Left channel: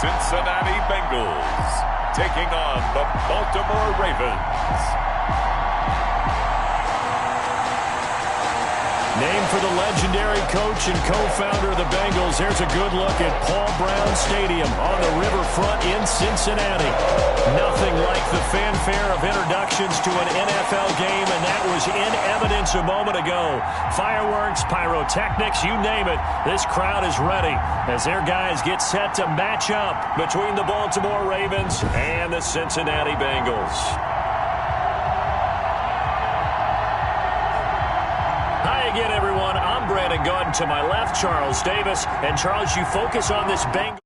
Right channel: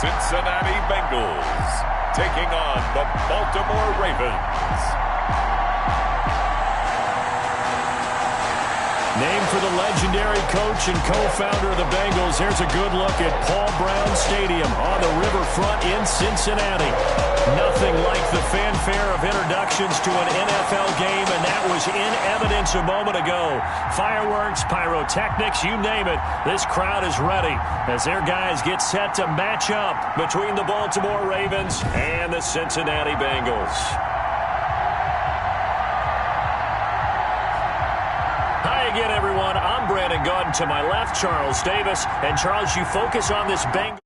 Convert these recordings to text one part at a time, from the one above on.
Cincinnati Bengals taking on the Baltimore Ravens. Named for the legendary coach and co-founder of the Bengals, here's a good look at Paul Brown Stadium on the riverfront in Cincinnati. Nothing like the fanfare of introductions to an NFL game, and that was in evidence a moment ago. Fireworks, pyrotechnics, you name it. This crowd is ready as their guys get set to match up between the Baltimore Ravens and the Cincinnati Bengals. Hi again, everyone. I'm Brandon Gaudin. To my left, Charles Davis. And, Charles, you focus on this Bengals.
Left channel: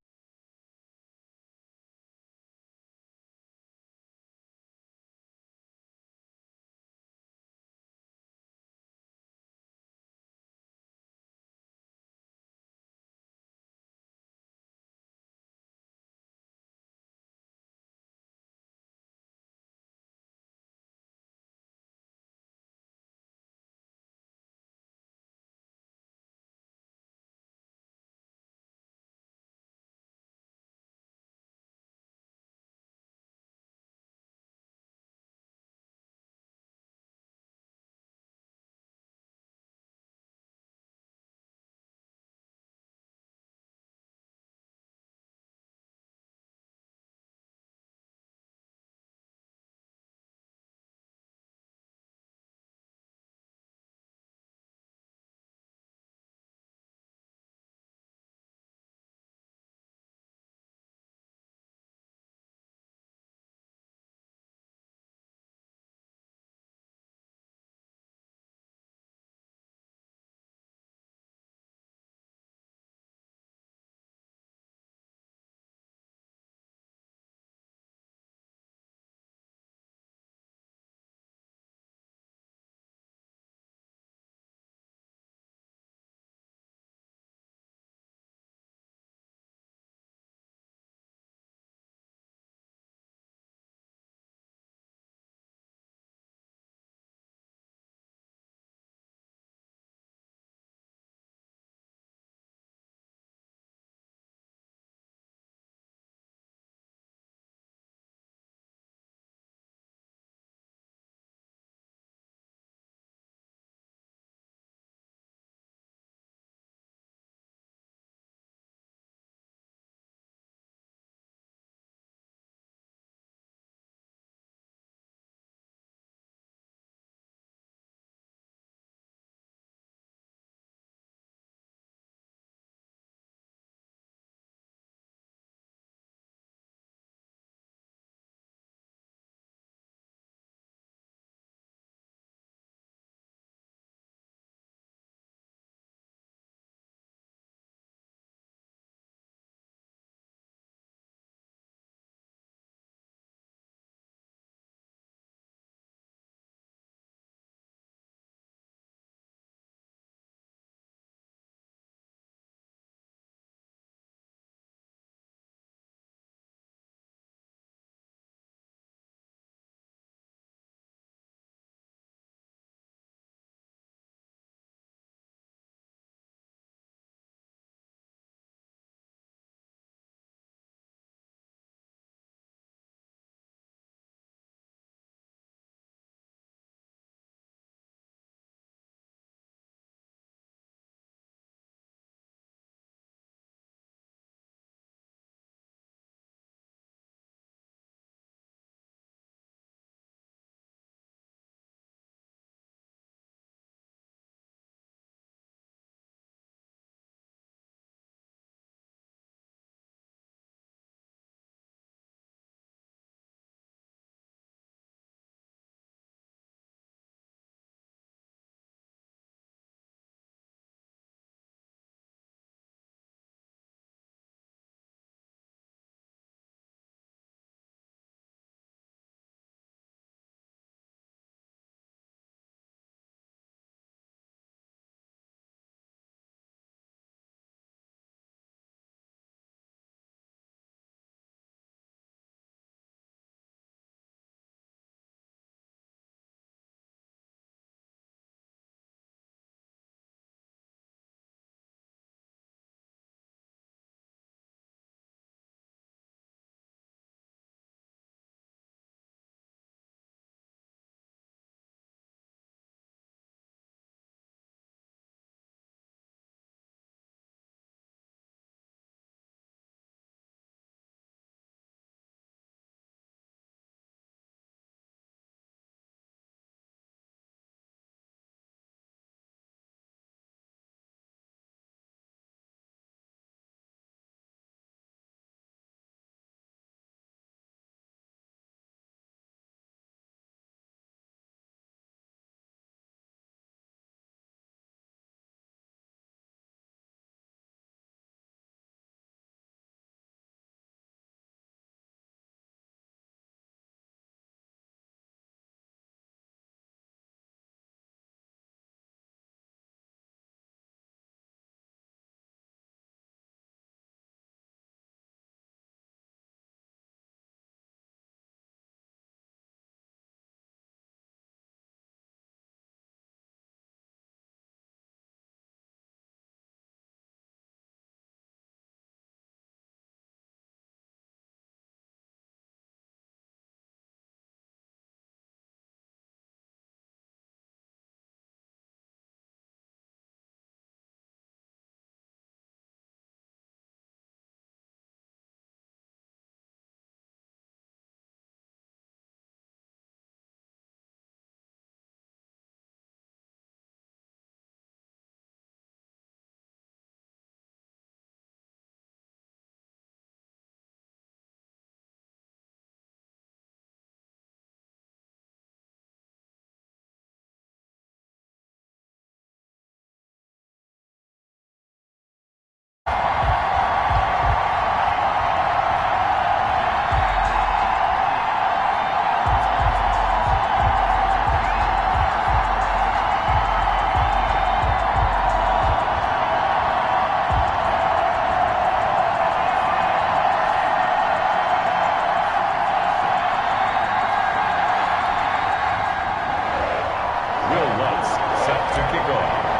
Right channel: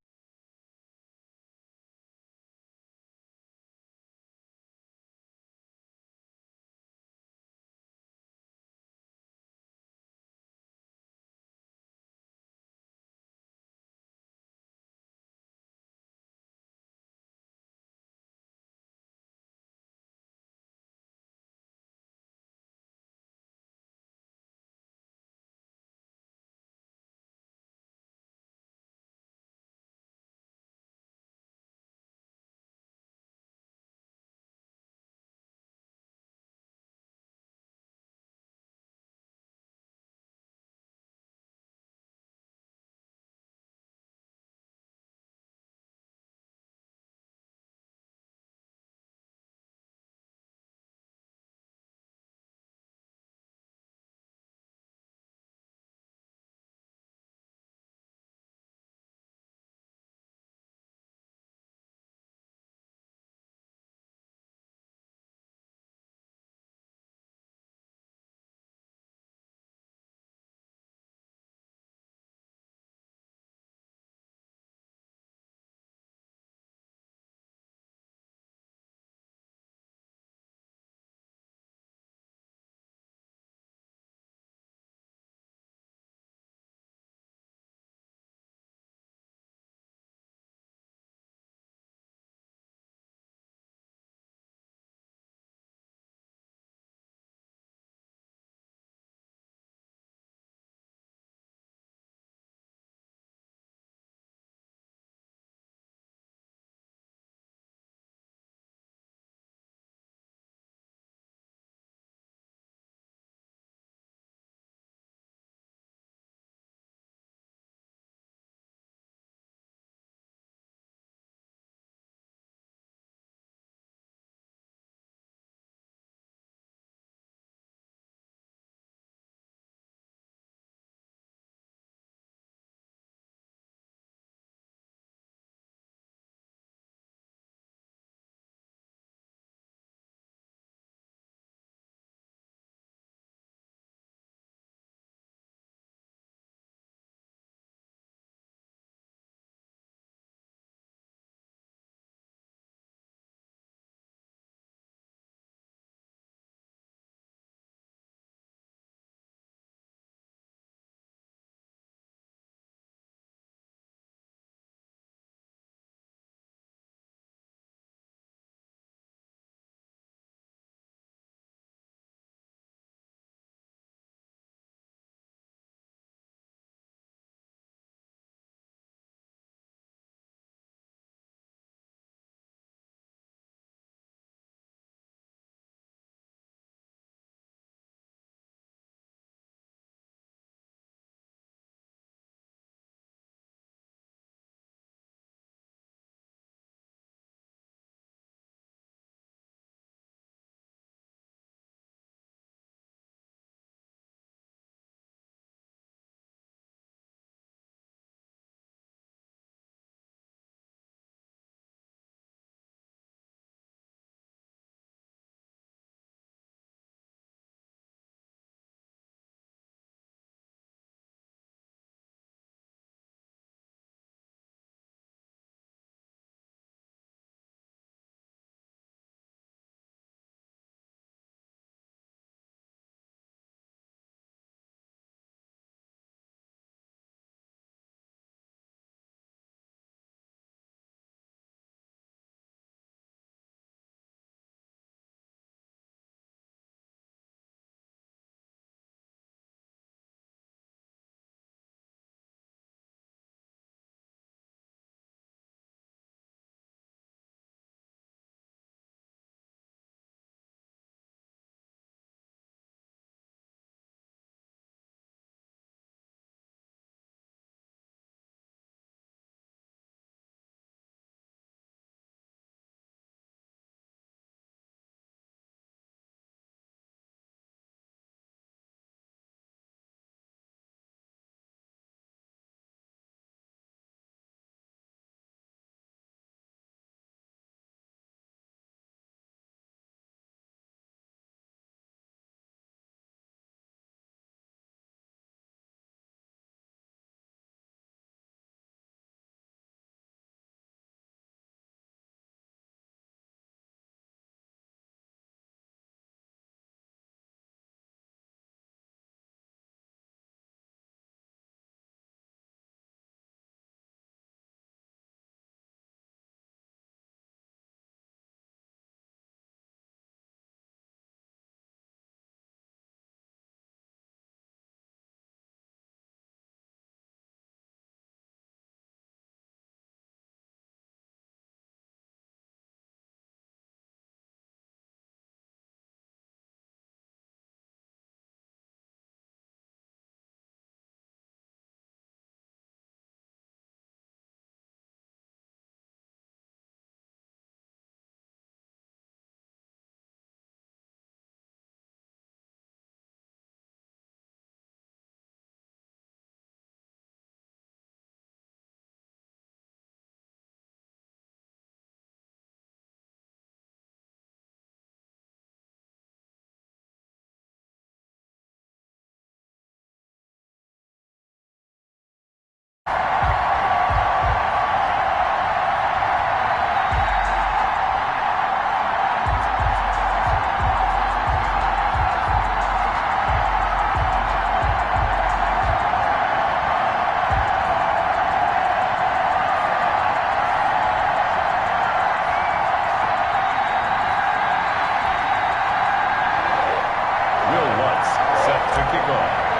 set to kick off.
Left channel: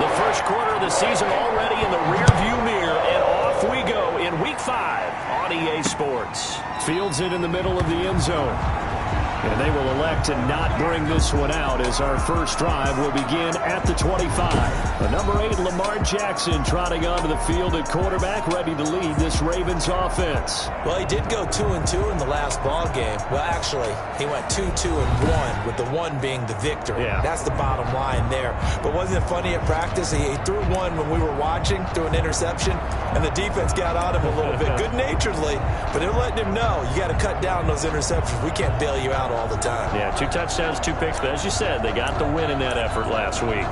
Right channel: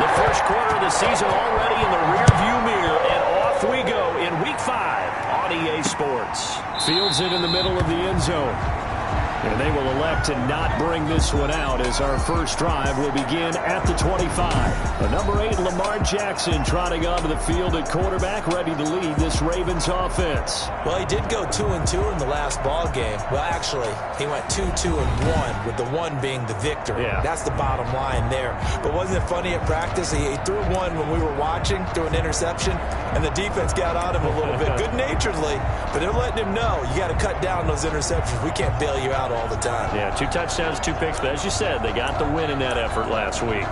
The first quarter of the season already in the rearview mirror, and off we go in Week 5 on EA Sports. Fields it in the middle of the end zone. And they will elect to not bring this one out as our first drive will begin at the 25. The number 8, Lamar Jackson, trotting onto the field at quarterback, ready to lead this Ravens offense. Well, he did go 2-2 in the last ball game. Well, actually, he went 2-2-1, with the 1 being the victory. Yeah. That's the bottom line there. But wasn't it funny at practice? He threw one when we were watching, threw an interception, and the defense got on him a little bit, good-naturedly. But they're letting him know, you got to cut down those interceptions. We can't bail you out all the time. Yeah, 2 touchdowns, 2 picks, but as you said, they got the win in that effort last week.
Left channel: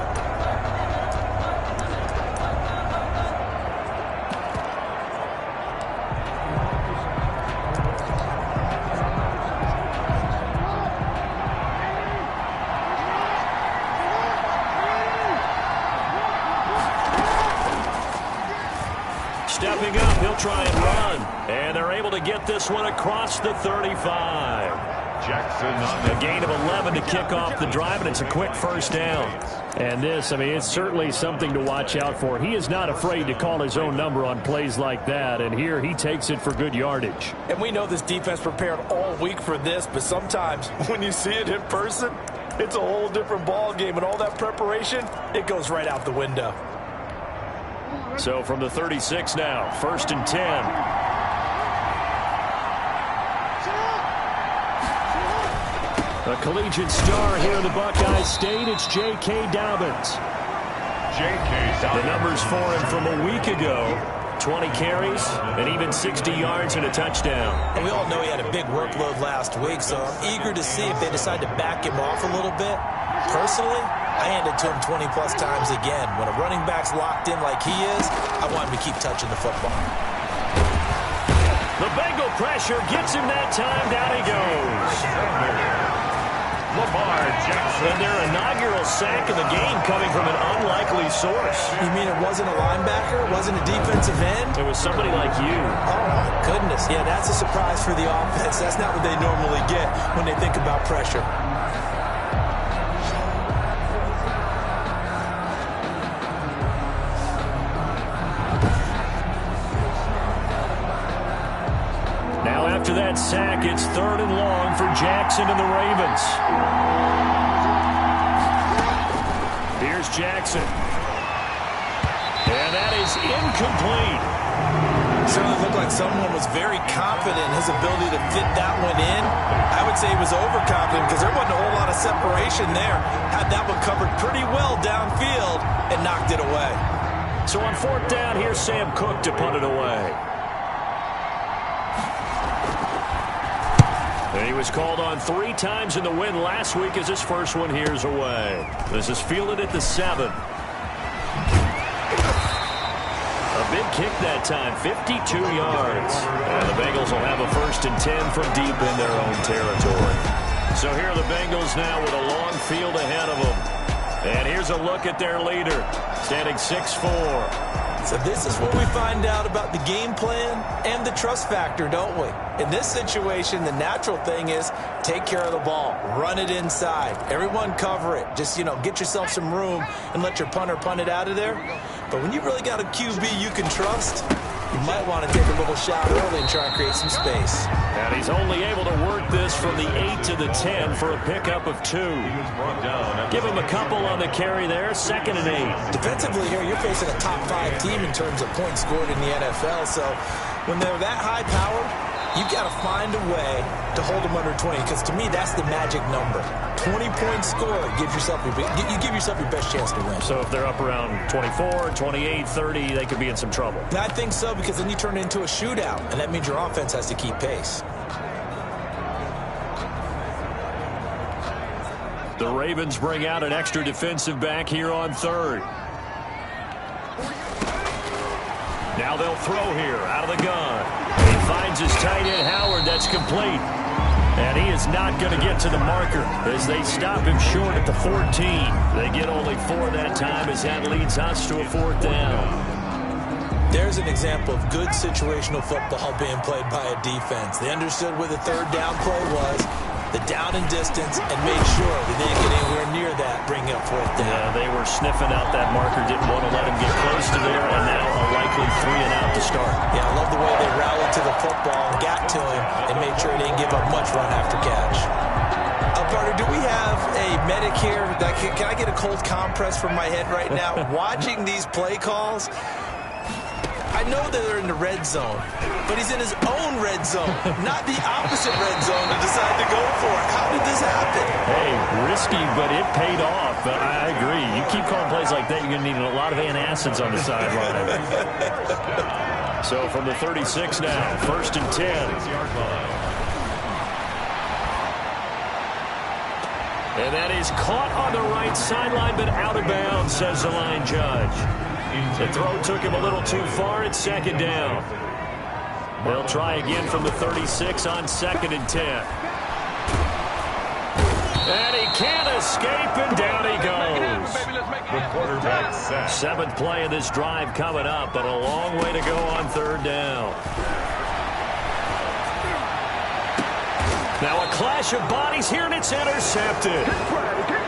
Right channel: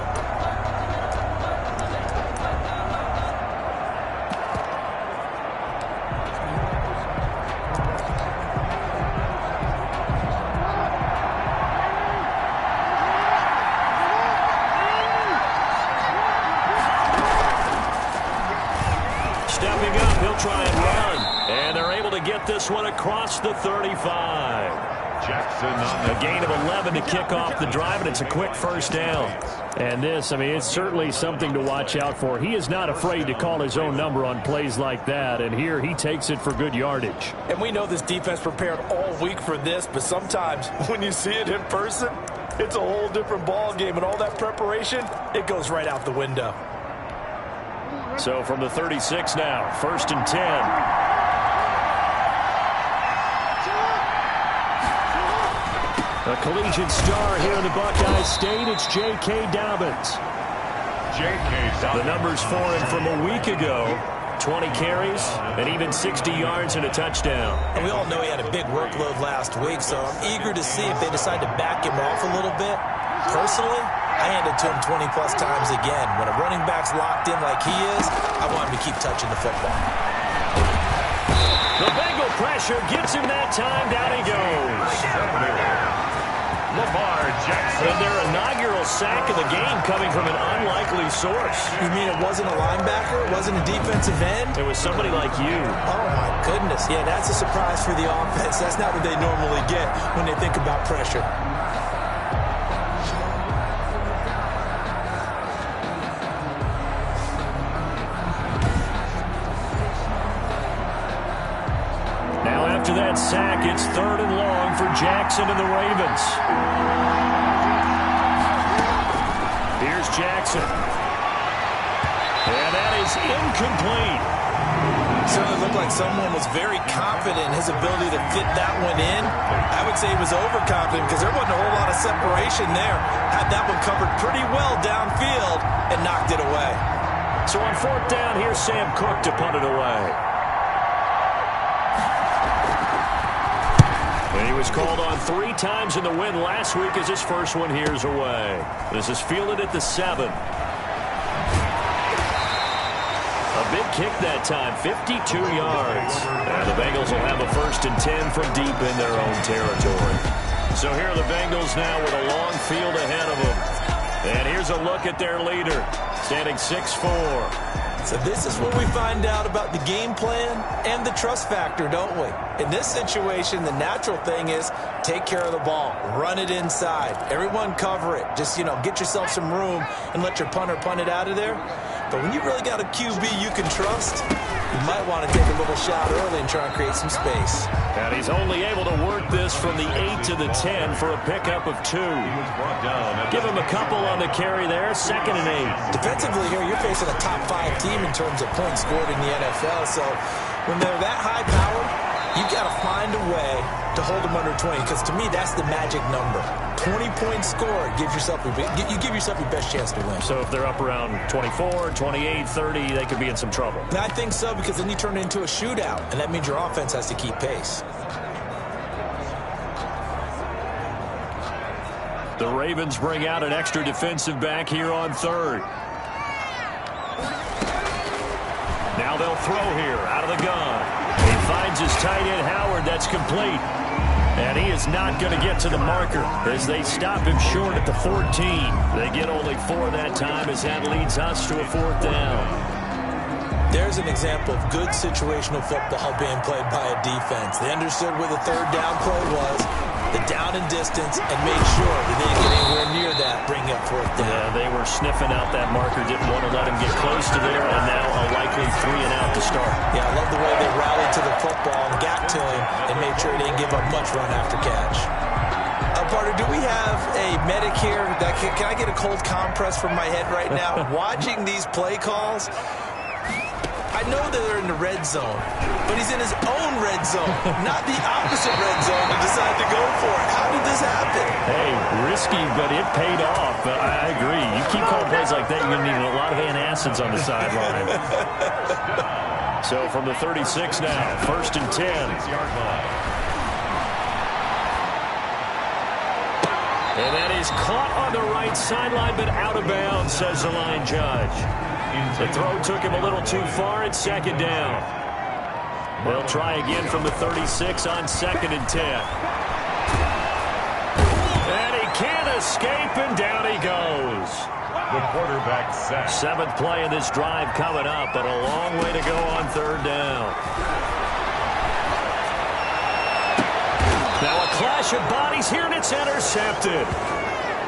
Stepping up, he'll try and run, and they're able to get this one across the 35. Jackson on the A gain of 11 to kick off the drive, and it's a quick first down. And this, I mean, it's certainly something to watch out for. He is not afraid to call his own number on plays like that, and here he takes it for good yardage. And we know this defense prepared all week for this, but sometimes when you see it in person, it's a whole different ball game, and all that preparation, it goes right out the window. So from the 36 now, 1st and 10. A collegiate star here in the Buckeye State, it's J.K. Dobbins. J.K. The numbers for him from a week ago, 20 carries and even 60 yards and a touchdown. And we all know he had a big workload last week, so I'm eager to see if they decide to back him off a little bit. Personally, I hand it to him 20-plus times again. When a running back's locked in like he is, I want him to keep touching the football. The Bengal pressure gets him that time. Down he goes. Lamar Jackson. And their inaugural sack of the game coming from an unlikely source. You mean it wasn't a linebacker? It wasn't a defensive end? It was somebody like you. Oh, my goodness. Yeah, that's a surprise for the offense. That's not what they normally get when they think about pressure. Now after that sack, it's 3rd and long for Jackson and the Ravens. Here's Jackson. And that is incomplete. Certainly looked like someone was very confident in his ability to fit that one in. I would say he was overconfident because there wasn't a whole lot of separation there. Had that one covered pretty well downfield and knocked it away. So on 4th down, here's Sam Cook to punt it away. And he was called on 3 times in the win last week as his first one here's away. This is fielded at the 7. A big kick that time, 52 yards. And the Bengals will have a 1st and 10 from deep in their own territory. So here are the Bengals now with a long field ahead of them. And here's a look at their leader, standing 6'4". So this is where we find out about the game plan and the trust factor, don't we? In this situation, the natural thing is take care of the ball, run it inside, everyone cover it. Just, get yourself some room and let your punter punt it out of there. But when you really got a QB you can trust, you might want to take a little shot early and try and create some space. And he's only able to work this from the 8 to the 10 for a pickup of 2. Give him a couple on the carry there, 2nd and 8. Defensively here, you're facing a top 5 team in terms of points scored in the NFL. So when they're that high powered, you got to find a way to hold them under 20, because to me, that's the magic number. 20 points scored, you give yourself your best chance to win. So if they're up around 24, 28, 30, they could be in some trouble. I think so, because then you turn it into a shootout, and that means your offense has to keep pace. The Ravens bring out an extra defensive back here on 3rd. Now they'll throw here out of the gun. He finds his tight end, Howard. That's complete. And he is not going to get to the marker as they stop him short at the 14. They get only 4 that time as that leads us to a 4th down. There's an example of good situational football being played by a defense. They understood where the 3rd down play was. the down and distance, and made sure that they didn't get anywhere near that, bringing up fourth down. Yeah, they were sniffing out that marker, didn't want to let him get close to there, and now a likely 3 and out to start. Yeah, I love the way they rallied to the football and got to him and made sure he didn't give up much run after catch. Partner, do we have a medic here? Can I get a cold compress from my head right now? Watching these play calls, I know that they're in the red zone, but he's in his own red zone, not the opposite red zone to decide to go for it. How did this happen? Hey, risky, but it paid off. I agree. You keep calling plays like that, you're going to need a lot of antacids on the sideline. So from the 36 now, 1st and 10. And that is caught on the right sideline, but out of bounds, says the line judge. The throw took him a little too far. It's 2nd down. They'll try again from the 36 on 2nd and 10. And he can't escape, and down he goes. The quarterback sack. 7th play of this drive coming up, but a long way to go on 3rd down. Now a clash of bodies here, and it's intercepted.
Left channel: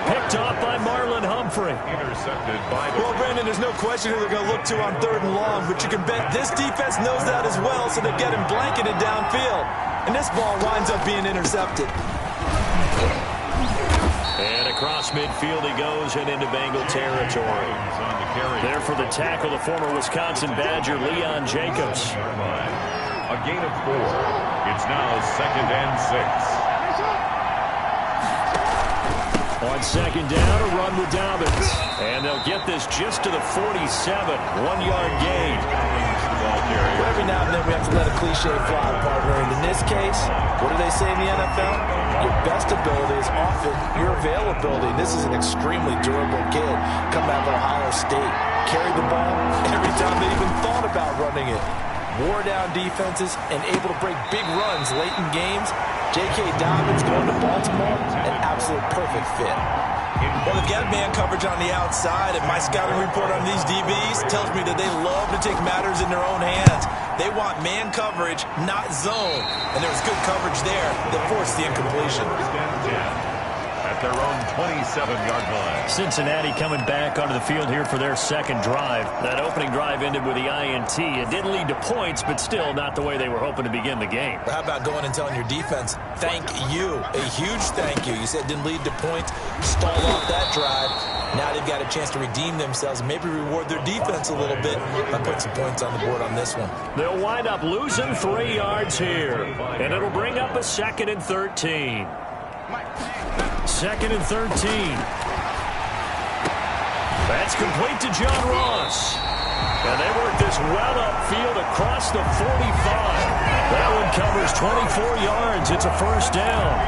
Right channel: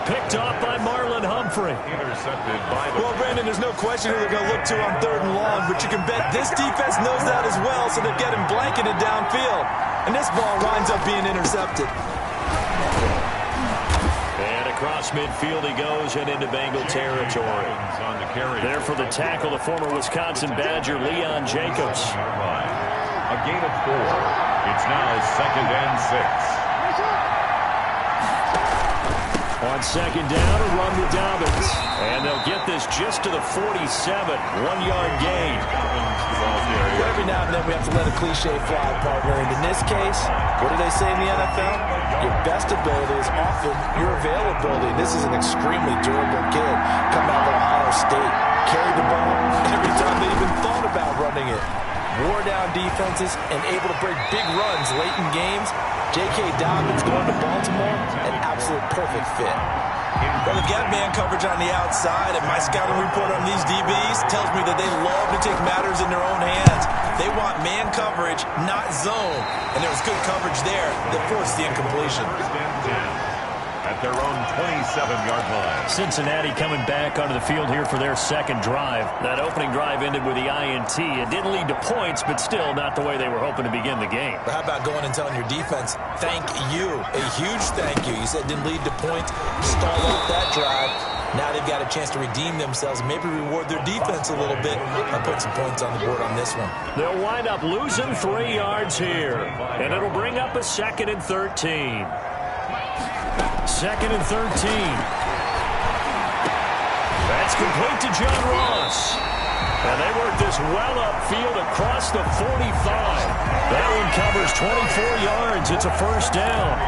Picked off by Marlon Humphrey. Intercepted by the... Well, Brandon, there's no question who they're going to look to on 3rd and long, but you can bet this defense knows that as well, so they've got him blanketed downfield. And this ball winds up being intercepted. And across midfield he goes and into Bengal territory. On the carry. There for the tackle, the former Wisconsin Badger, Leon Jacobs. A gain of 4. It's now 2nd and 6. On 2nd down, a run with Dobbins. And they'll get this just to the 47. 1-yard gain. Well, every now and then we have to let a cliche fly, partner. And in this case, what do they say in the NFL? Your best ability is often your availability. This is an extremely durable kid coming out of Ohio State. Carried the ball every time they even thought about running it. Wore down defenses and able to break big runs late in games. J.K. Dobbins going to Baltimore, an absolute perfect fit. Well, they've got man coverage on the outside, and my scouting report on these DBs tells me that they love to take matters in their own hands. They want man coverage, not zone. And there was good coverage there that forced the incompletion. At their own 27-yard line. Cincinnati coming back onto the field here for their 2nd drive. That opening drive ended with the INT. It didn't lead to points, but still not the way they were hoping to begin the game. But how about going and telling your defense, thank you, a huge thank you. You said it didn't lead to points, stall off that drive. Now they've got a chance to redeem themselves and maybe reward their defense a little bit by putting some points on the board on this one. They'll wind up losing 3 yards here, and it'll bring up a 2nd and 13. 2nd and 13. That's complete to John Ross. And they work this well upfield across the 45. That one covers 24 yards. It's a 1st down.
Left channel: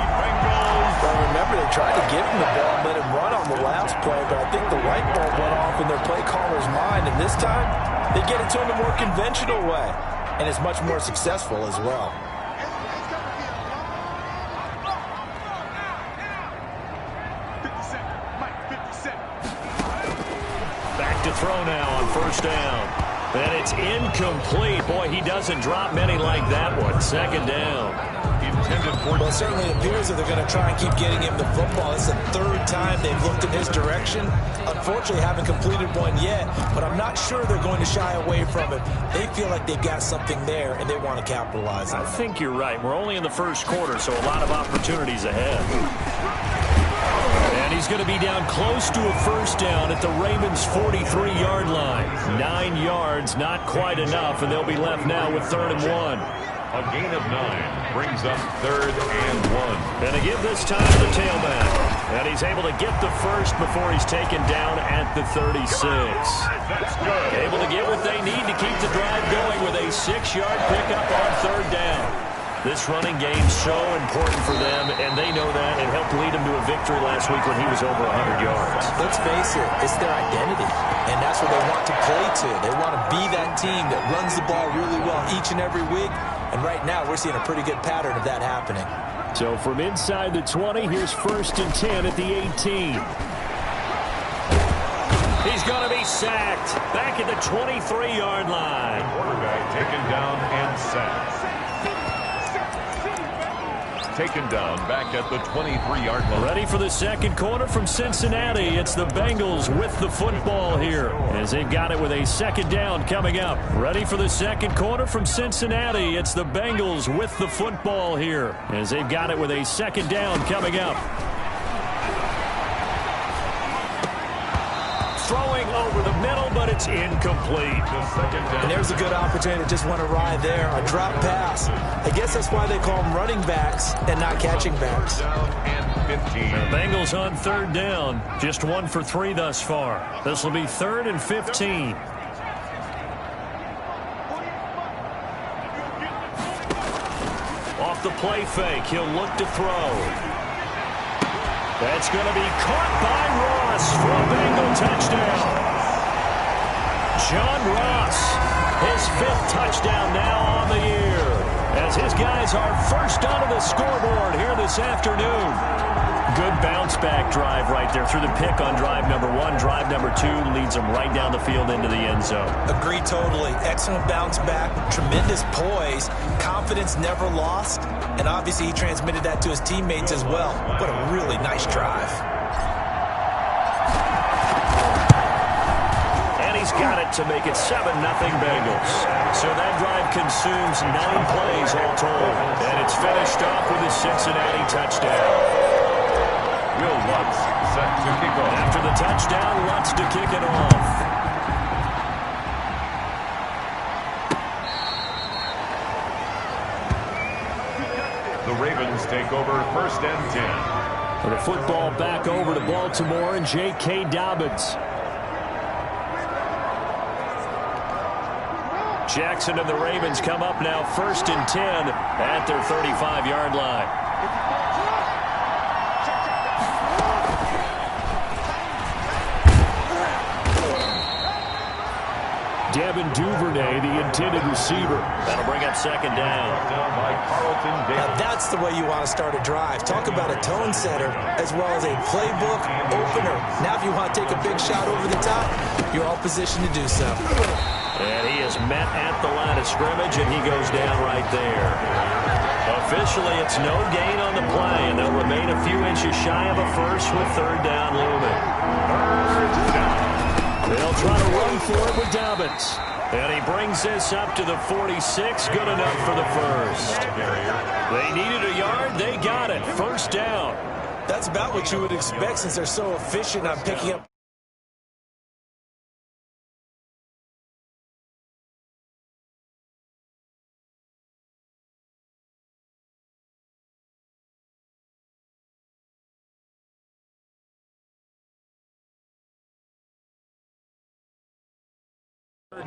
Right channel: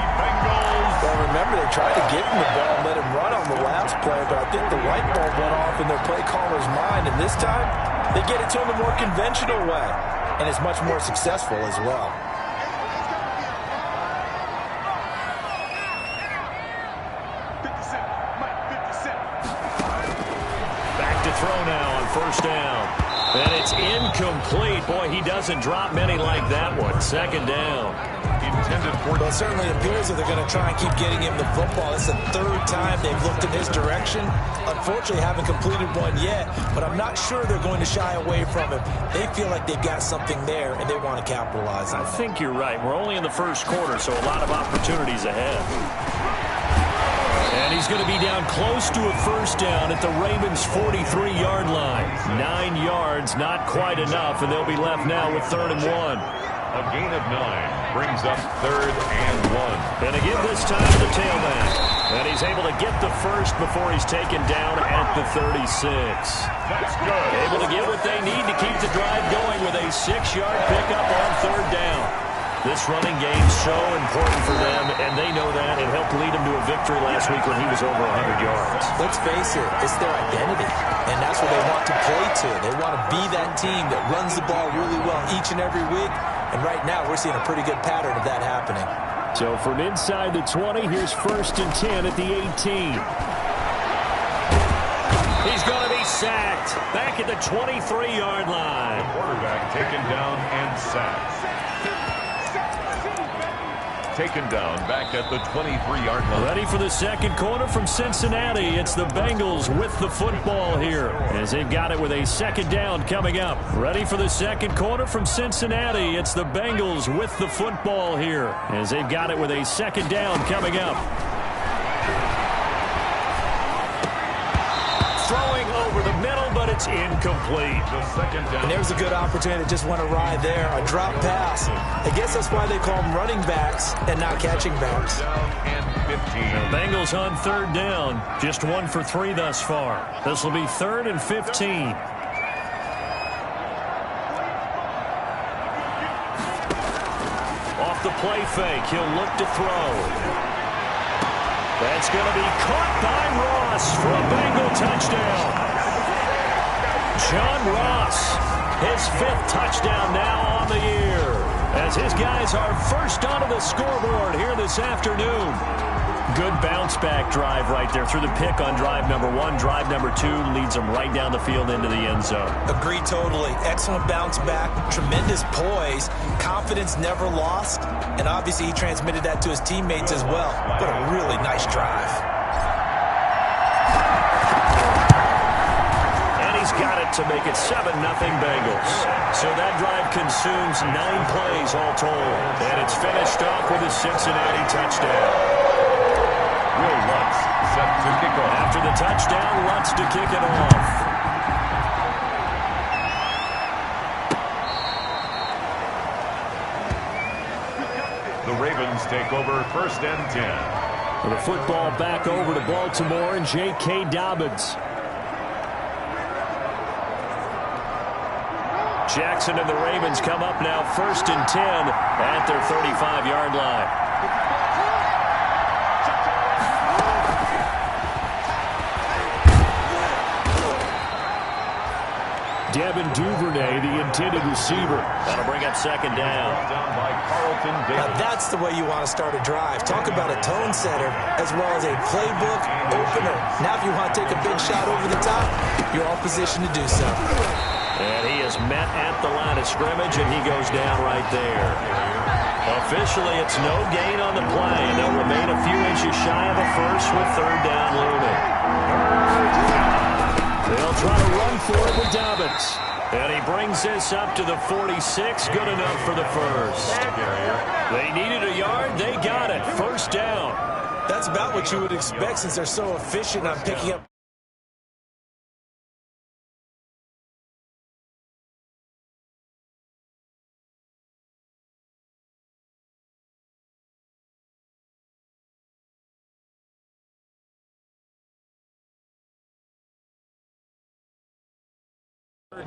Well, remember, they tried to give him the ball and let him run on the last play, but I think the light bulb went off in their play caller's mind, and this time they get it to him a more conventional way, and it's much more successful as well. Back to throw now on 1st down. And it's incomplete. Boy, he doesn't drop many like that one. 2nd down. Well, it certainly appears that they're going to try and keep getting him the football. It's the 3rd time they've looked in his direction. Unfortunately, haven't completed one yet, but I'm not sure they're going to shy away from it. They feel like they've got something there, and they want to capitalize on it. I think you're right. We're only in the 1st quarter, so a lot of opportunities ahead. And he's going to be down close to a 1st down at the Ravens' 43-yard line. 9 yards, not quite enough, and they'll be left now with 3rd and 1. A gain of 9 brings up 3rd and 1. And to give this time to the tailback. And he's able to get the first before he's taken down at the 36. That's good. Able to get what they need to keep the drive going with a 6-yard pickup on 3rd down. This running game's so important for them, and they know that. It helped lead them to a victory last week when he was over 100 yards. Let's face it, it's their identity, and that's what they want to play to. They want to be that team that runs the ball really well each and every week, and right now we're seeing a pretty good pattern of that happening. So from inside the 20, here's 1st and 10 at the 18. He's going to be sacked back at the 23-yard line. Quarterback taken down and sacked. taken down back at the 23-yard line. Ready for the second quarter from Cincinnati. It's the Bengals with the football here as they've got it with a second down coming up. Ready for the second quarter from Cincinnati. It's the Bengals with the football here as they've got it with a second down coming up. Throwing over the middle, but it's incomplete. The second down. And there's a good opportunity to just want to ride there. A drop pass. I guess that's why they call them running backs and not catching backs. Third down and 15. The Bengals on third down. Just 1 for 3 thus far. This will be 3rd and 15. Off the play fake, he'll look to throw. That's going to be caught by Ross for a Bengal touchdown. John Ross, his 5th touchdown now on the year, as his guys are first onto the scoreboard here this afternoon. Good bounce-back drive right there through the pick on drive number 1. Drive number 2 leads them right down the field into the end zone. Agree totally. Excellent bounce back, tremendous poise, confidence never lost, and obviously he transmitted that to his teammates as well. What a really nice drive. And he's got it to make it 7-0 Bengals. So that drive consumes 9 plays all told. And it's finished off with a Cincinnati touchdown. Will Lutz set to kick off. After the touchdown, Lutz to kick it off. The Ravens take over 1st and 10. The football back over to Baltimore and J.K. Dobbins. Jackson and the Ravens come up now 1st and 10 at their 35-yard line. Devin Duvernay, the intended receiver. That'll bring up 2nd down. Down by Carlton Davis. Now that's the way you want to start a drive. Talk about a tone setter as well as a playbook opener. Now if you want to take a big shot over the top, you're all positioned to do so. And he is met at the line of scrimmage, and he goes down right there. Officially, it's no gain on the play, and they'll remain a few inches shy of a first with 3rd down looming. 3rd down. They'll try to run for it with Dobbins. And he brings this up to the 46. Good enough for the first. They needed a yard. They got it. 1st down. That's about what you would expect since they're so efficient on picking up.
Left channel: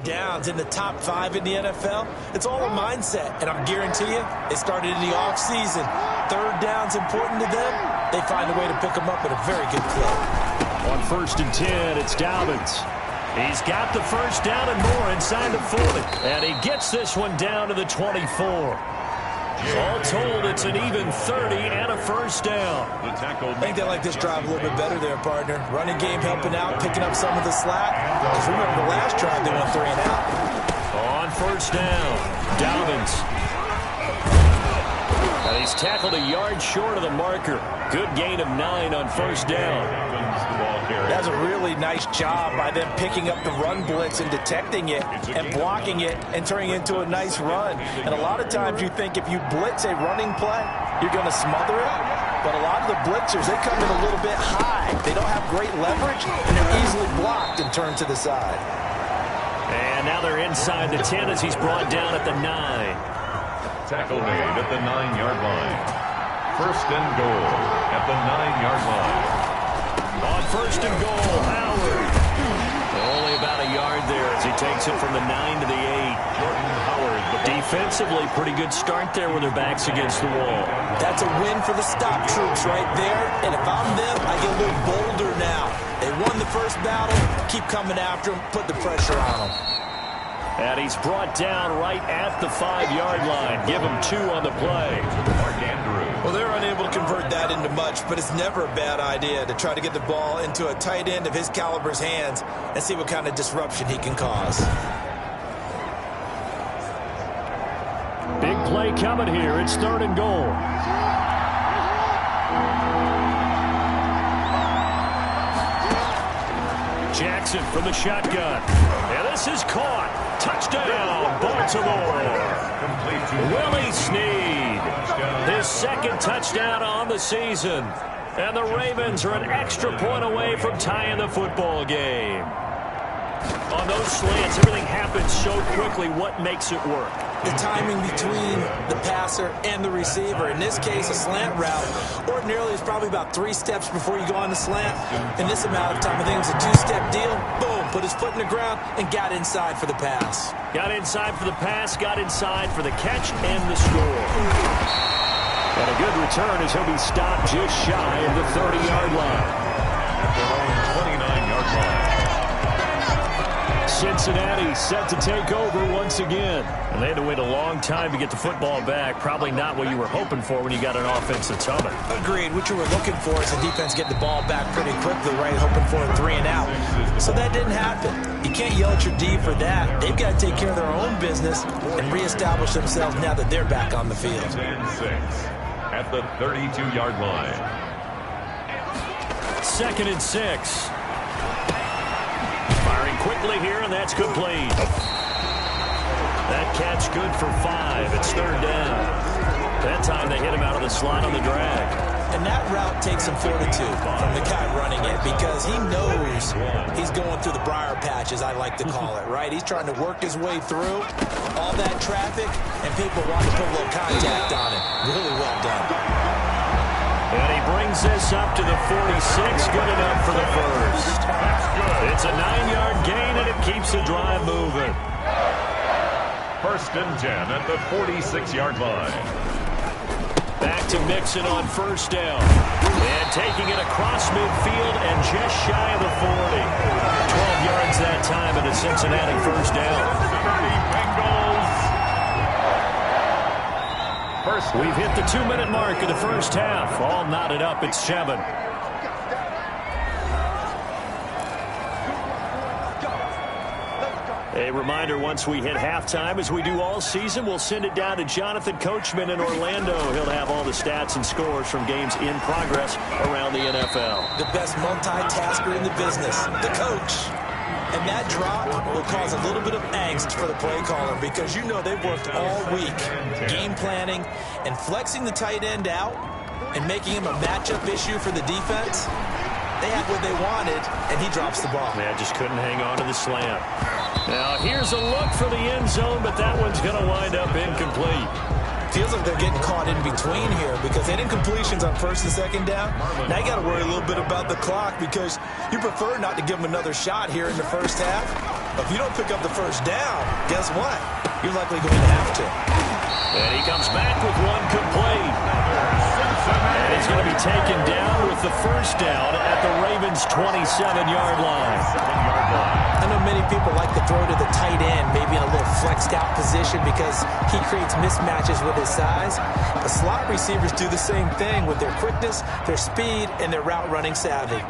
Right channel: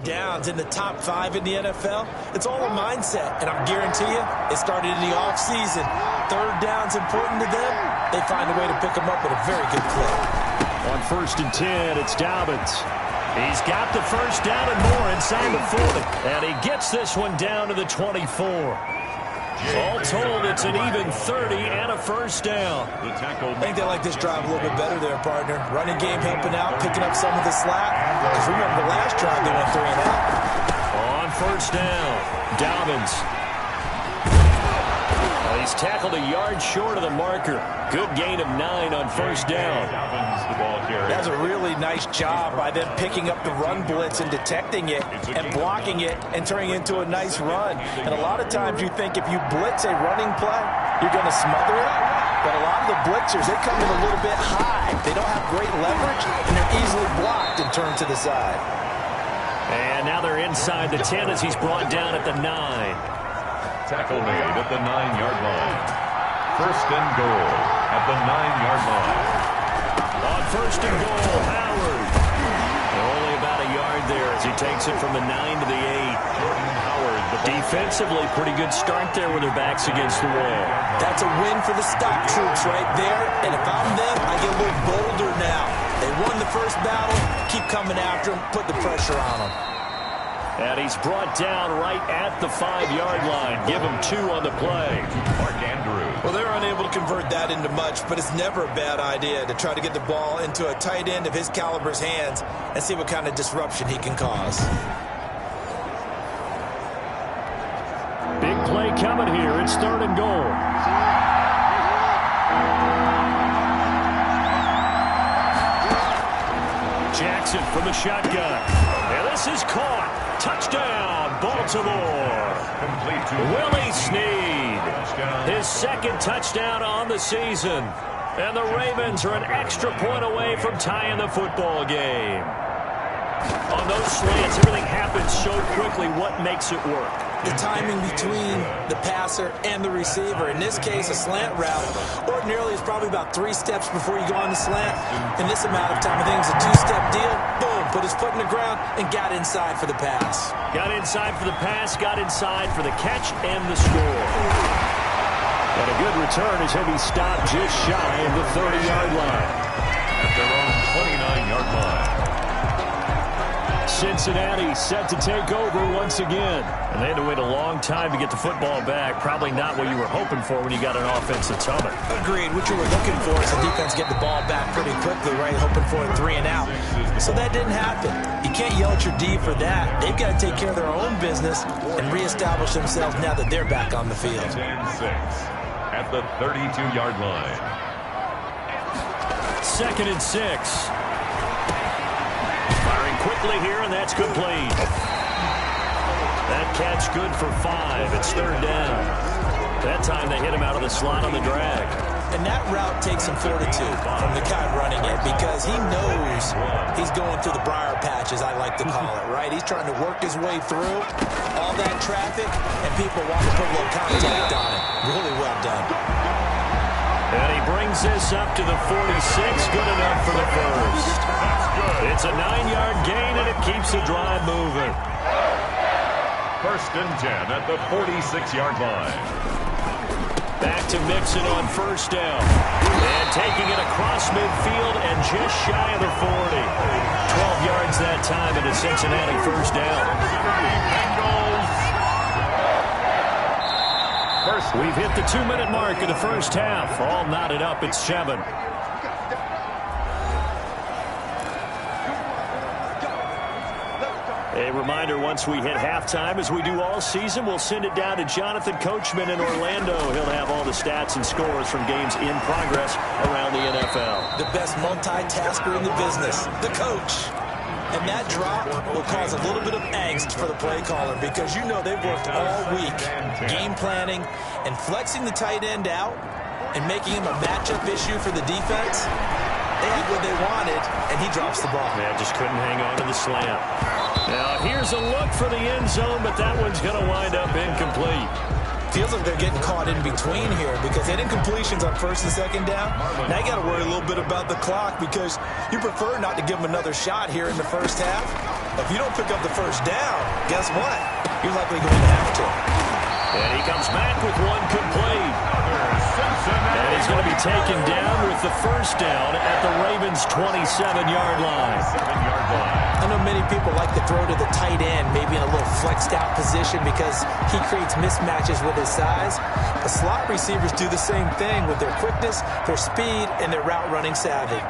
Downs in the top 5 in the NFL. It's all a mindset, and I'm guarantee you it started in the offseason. 3rd down's important to them. They find a way to pick them up at a very good clip. On 1st and 10, it's Dobbins. He's got the 1st down and more inside the 40. And he gets this one down to the 24. All told, it's an even 30 and a 1st down. The tackle. I think they like this drive a little bit better there, partner. Running game helping out, picking up some of the slack. Because remember, the last drive they went 3 and out. On 1st down, Dobbins. And he's tackled a yard short of the marker. Good gain of 9 on 1st down. Dobbins, the ball carrier. That's a really nice job by them picking up the run blitz and detecting it and blocking it and turning it into a nice run. And a lot of times you think if you blitz a running play, you're going to smother it. But a lot of the blitzers, they come in a little bit high. They don't have great leverage, and they're easily blocked and turned to the side. And now they're inside the 10 as he's brought down at the 9. Tackle made at the 9-yard line. 1st and goal at the 9-yard line. On 1st and goal, Howard. Only about a yard there as he takes it from the 9 to the 8. Jordan Howard. The defensively, pretty good start there with their backs against the wall. That's a win for the stop troops right there. And if I'm them, I get a little bolder now. They won the first battle. Keep coming after them. Put the pressure on them. And he's brought down right at the 5-yard line. Give him 2 on the play. Mark Andrews. Well, they're unable to convert that into much, but it's never a bad idea to try to get the ball into a tight end of his caliber's hands and see what kind of disruption he can cause. Big play coming here. It's 3rd and goal. Backs it from the shotgun. And this is caught. Touchdown, Baltimore. Complete to Willie Snead. His second touchdown on the season. And the Ravens are an extra point away from tying the football game. On those slants, everything happens so quickly. What makes it work? The timing between the passer and the receiver. In this case, a slant route ordinarily is probably about 3 steps before you go on the slant. In this amount of time, I think it's a 2-step deal. Boom, put his foot in the ground and got inside for the pass. Got inside for the pass, got inside for the catch and the score. And a good return as he'll be stopped just shy of the 30-yard line. At their own 29-yard line. Cincinnati set to take over once again. And they had to wait a long time to get the football back. Probably not what you were hoping for when you got an offense that's humming. Agreed. What you were looking for is the defense getting the ball back pretty quickly, right? Hoping for a 3 and out. So that didn't happen. You can't yell at your D for that. They've got to take care of their own business and reestablish themselves now that they're back on the field. 10-6 at the 32-yard line. 2nd and 6. Firing quickly here, and that's complete. That catch good for 5. It's 3rd down. That time they hit him out of the slot on the drag. And that route takes some fortitude from the guy running it because he knows he's going through the briar patch, as I like to call it, right? He's trying to work his way through all that traffic, and people want to put a little contact on it. Really well done. And he brings this up to the 46. Good enough for the first. That's good. It's a 9-yard gain, and it keeps the drive moving. 1st and 10 at the 46-yard line. Back to Mixon on 1st down. And taking it across midfield and just shy of the 40. 12 yards that time, and a Cincinnati 1st down. Cincinnati Bengals. We've hit the 2-minute mark of the first half. All knotted up at 7. A reminder, once we hit halftime, as we do all season, we'll send it down to Jonathan Coachman in Orlando. He'll have all the stats and scores from games in progress around the NFL. The best multitasker in the business, the coach. And that drop will cause a little bit of angst for the play caller because you know they've worked all week game planning and flexing the tight end out and making him a matchup issue for the defense. They had what they wanted, and he drops the ball. Yeah, just couldn't hang on to the slant. Now, here's a look for the end zone, but that one's going to wind up incomplete. Feels like they're getting caught in between here because they had incompletions on 1st and 2nd down. Now you got to worry a little bit about the clock because you prefer not to give them another shot here in the first half. But if you don't pick up the 1st down, guess what? You're likely going to have to. And he comes back with one complete. And he's going to be taken down with the 1st down at the Ravens' 27-yard line. I know many people like to throw to the tight end, maybe in a little flexed out position because he creates mismatches with his size. But slot receivers do the same thing with their quickness, their speed, and their route running savvy.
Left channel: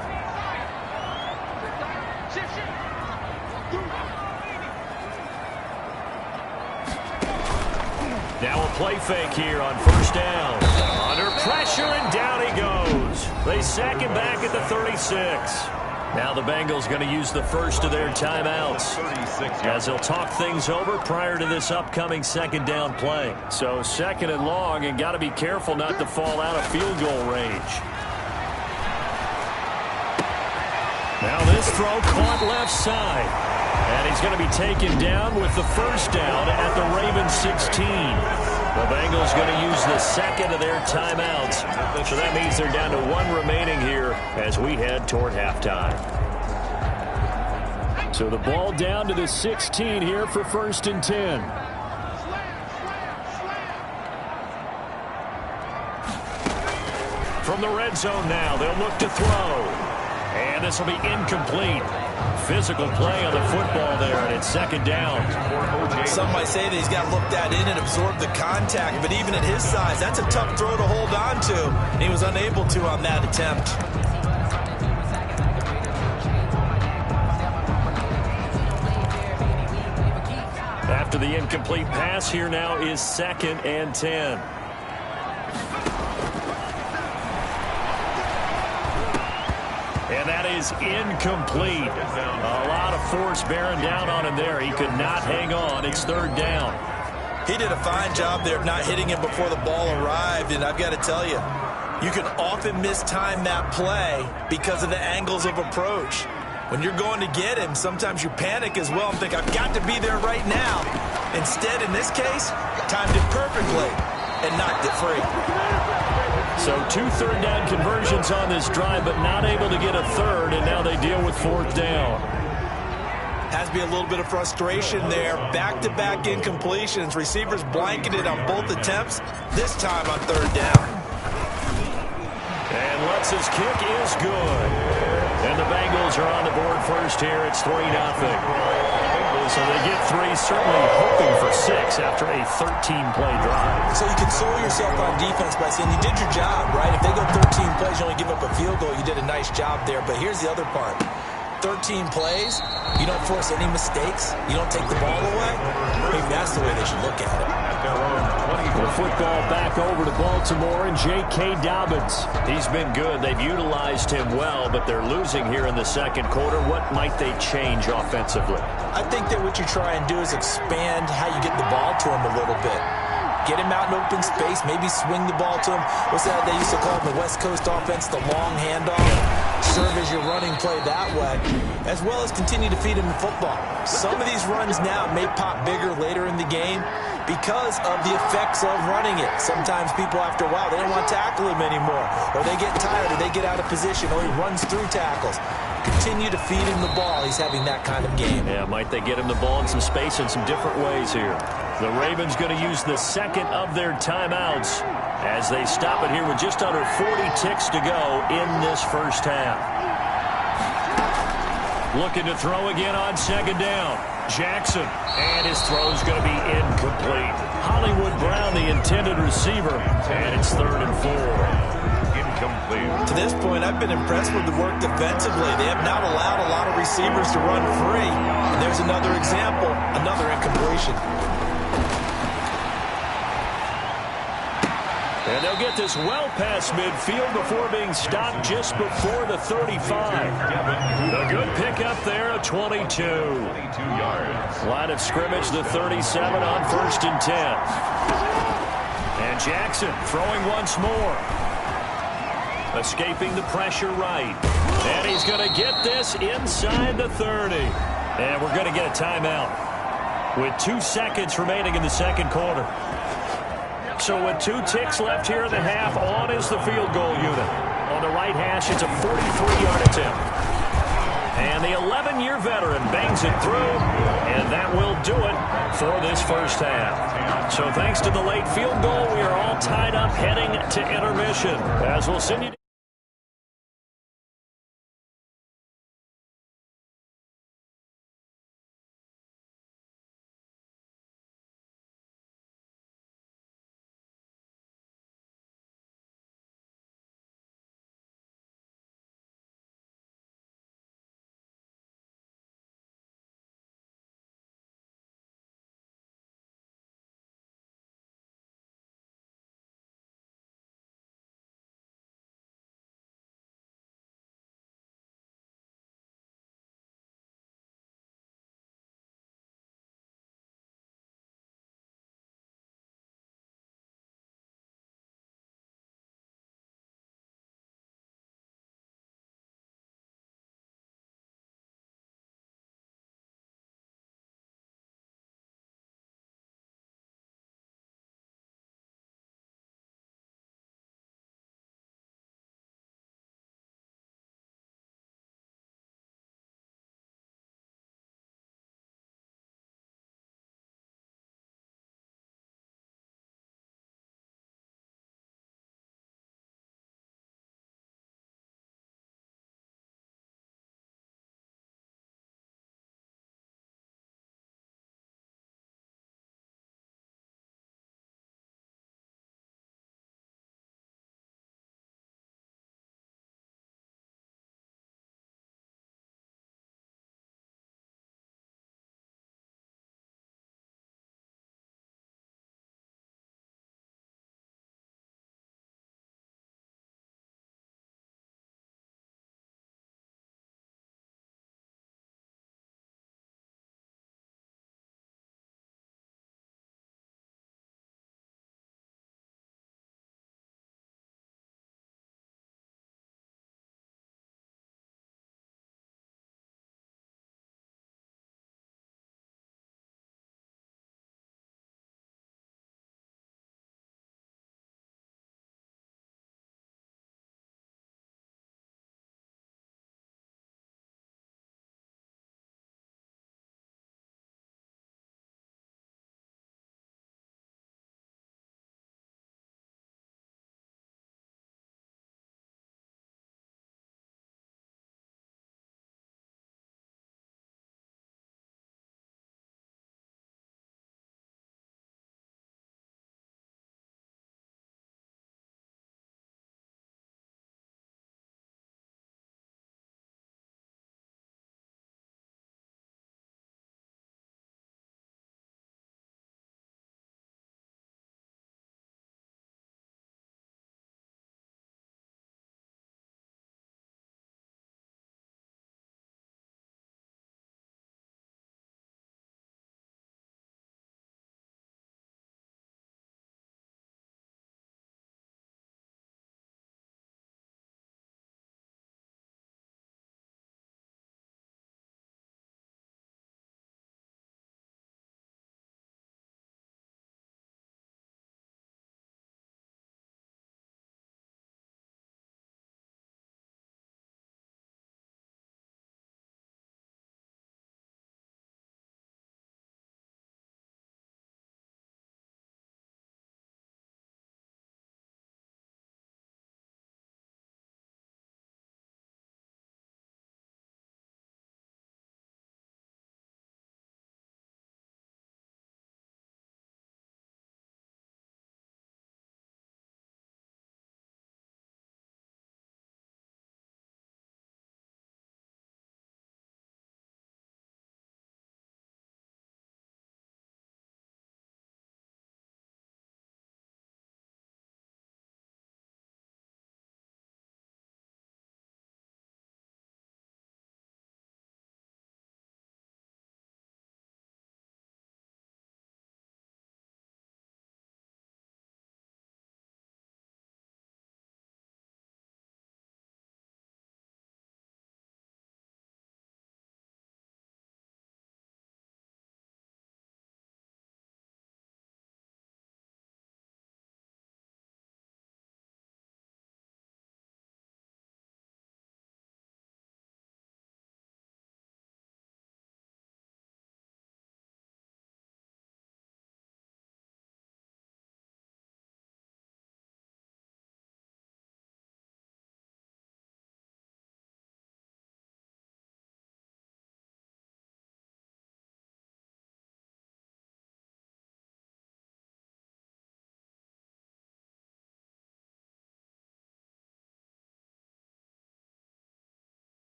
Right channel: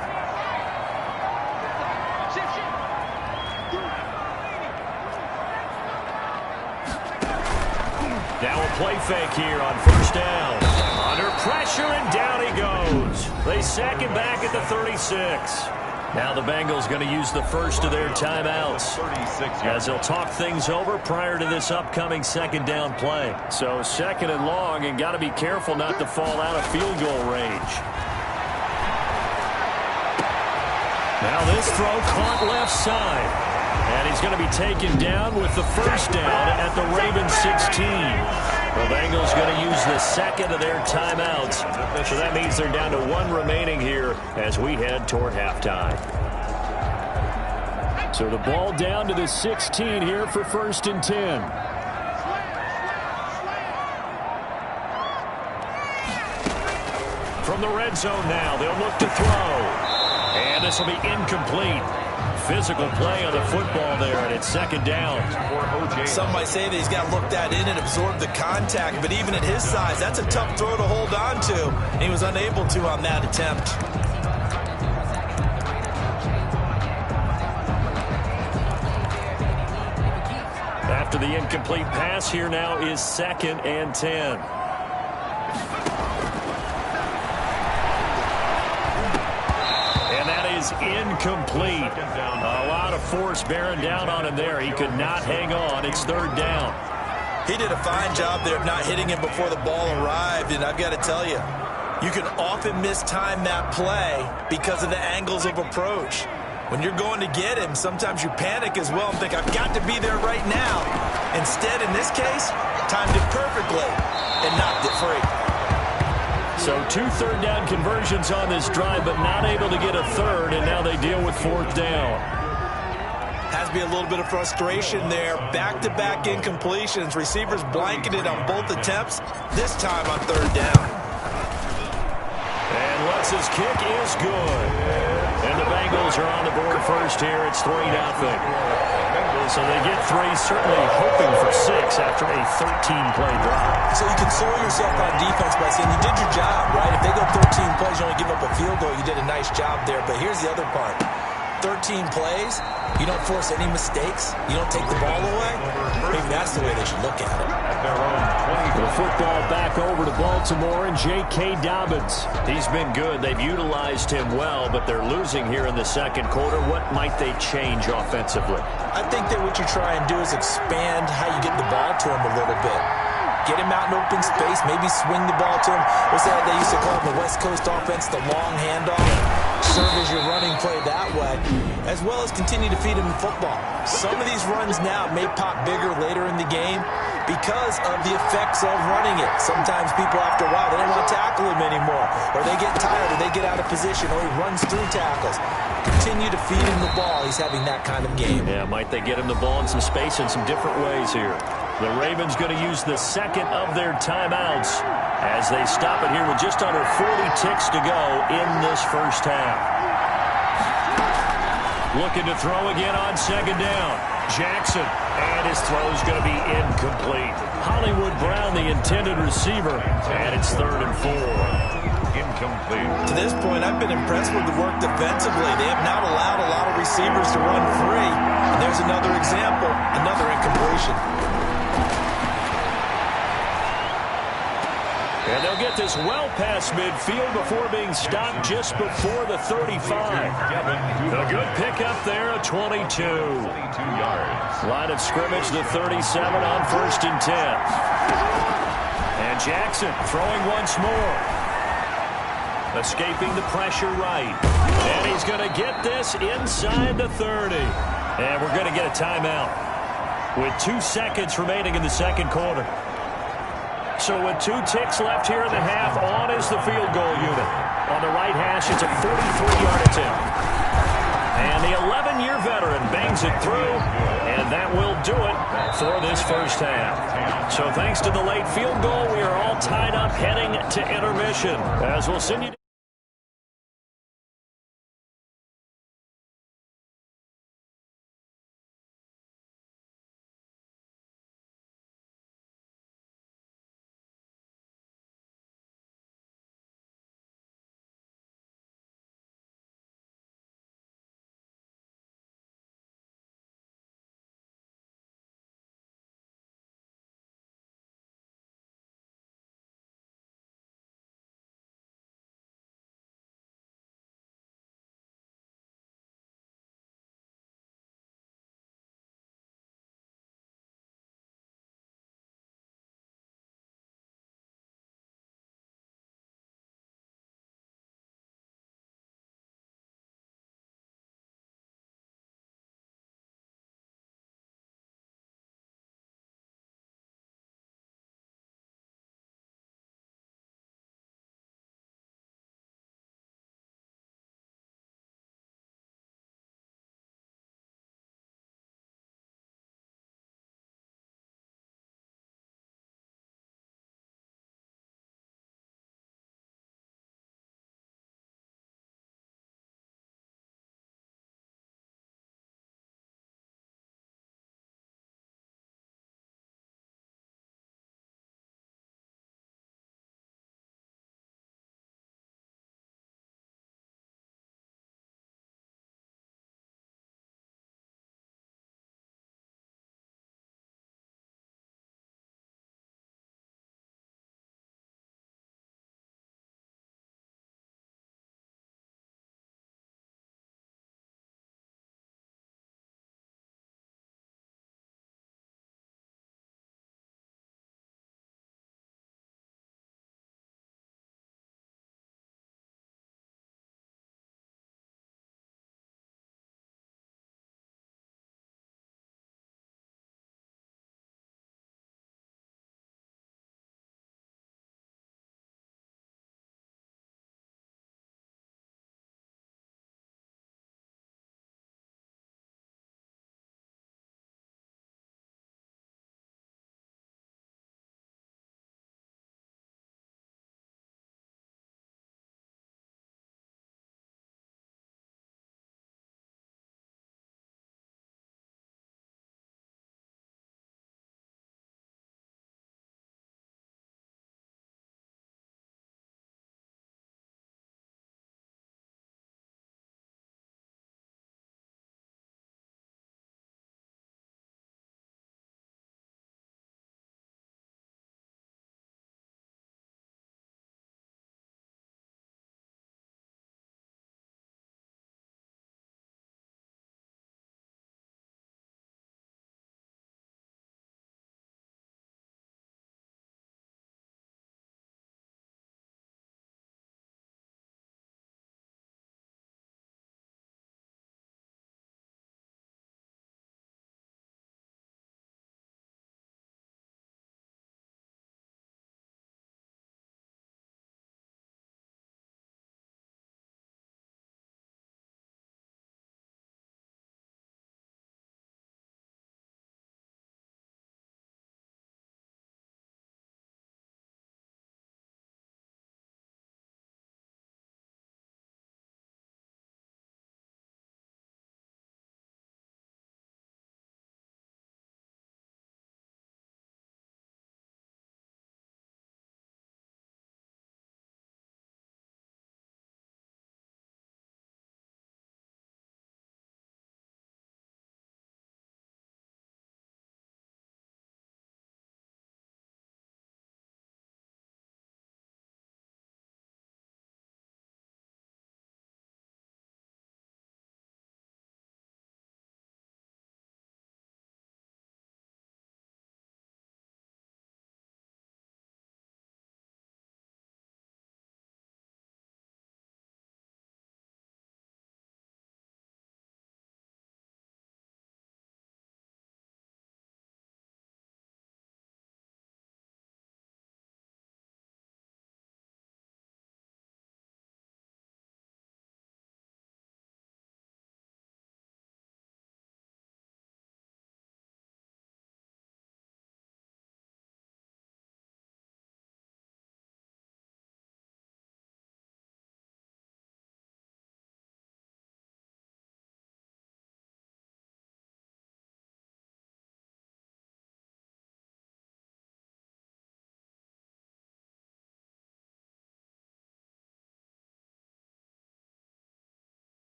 Now a play fake here on 1st down. Under pressure, and down he goes. They sack him back at the 36. Now the Bengals going to use the first of their timeouts as they'll talk things over prior to this upcoming 2nd down play. So 2nd and long, and got to be careful not to fall out of field goal range. Now this throw caught left side. And he's going to be taken down with the 1st down at the Ravens 16. The Bengals going to use the 2nd of their timeouts. So that means they're down to 1 remaining here as we head toward halftime. So the ball down to the 16 here for 1st and 10. From the red zone now, they'll look to throw. And this will be incomplete. Physical play on the football there, and it's 2nd down. Some might say that he's got to look that in and absorb the contact, but even at his size, that's a tough throw to hold on to, and he was unable to on that attempt. After the incomplete pass, here now is 2nd and 10. And that is incomplete. A lot of force bearing down on him there. He could not hang on. It's third down. He did a fine job there of not hitting him before the ball arrived, and I've got to tell you, you can often mistime that play because of the angles of approach. When you're going to get him, sometimes you panic as well and think, I've got to be there right now. Instead, in this case, timed it perfectly and knocked it free. So 2 third-down conversions on this drive, but not able to get a third, and now they deal with fourth down. Has to be a little bit of frustration there. Back-to-back incompletions. Receivers blanketed on both attempts, this time on third down. And Lutz's kick is good. And the Bengals are on the board first here. It's 3-0. So they get 3, certainly hoping for 6 after a 13-play drive. So you console yourself on defense by saying you did your job, right? If they go 13 plays, you only give up a field goal, you did a nice job there. But here's the other part. 13 plays, you don't force any mistakes, you don't take the ball away. Maybe that's the way they should look at it. The football back over to Baltimore and J.K. Dobbins. He's been good. They've utilized him well, but they're losing here in the second quarter. What might they change offensively? I think that what you try and do is expand how you get the ball to him a little bit. Get him out in open space, maybe swing the ball to him. What's that they used to call the West Coast offense, the long handoff? Serve as your running play that way, as well as continue to feed him the football. Some of these runs now may pop bigger later in the game because of the effects of running it. Sometimes people, after a while, they don't want to tackle him anymore, or they get tired, or they get out of position, or he runs through tackles. Continue to feed him the ball. He's having that kind of game. Yeah, might they get him the ball in some space in some different ways here. The Ravens going to use the second of their timeouts as they stop it here with just under 40 ticks to go in this first half. Looking to throw again on second down. Jackson, and his throw is going to be incomplete. Hollywood Brown, the intended receiver, and it's 3rd and 4. Incomplete. To this point, I've been impressed with the work defensively. They have not allowed a lot of receivers to run free. And there's another example, another incompletion. And they'll get this well past midfield before being stopped just before the 35. A good pickup there, a 22. 22 yards. Line of scrimmage, the 37 on 1st and 10. And Jackson throwing once more. Escaping the pressure right. And he's going to get this inside the 30. And we're going to get a timeout with 2 seconds remaining in the second quarter. So with 2 ticks left here in the half, on is the field goal unit. On the right hash, it's a 43-yard attempt. And the 11-year veteran bangs it through, and that will do it for this first half. So thanks to the late field goal, we are all tied up heading to intermission. As we'll send you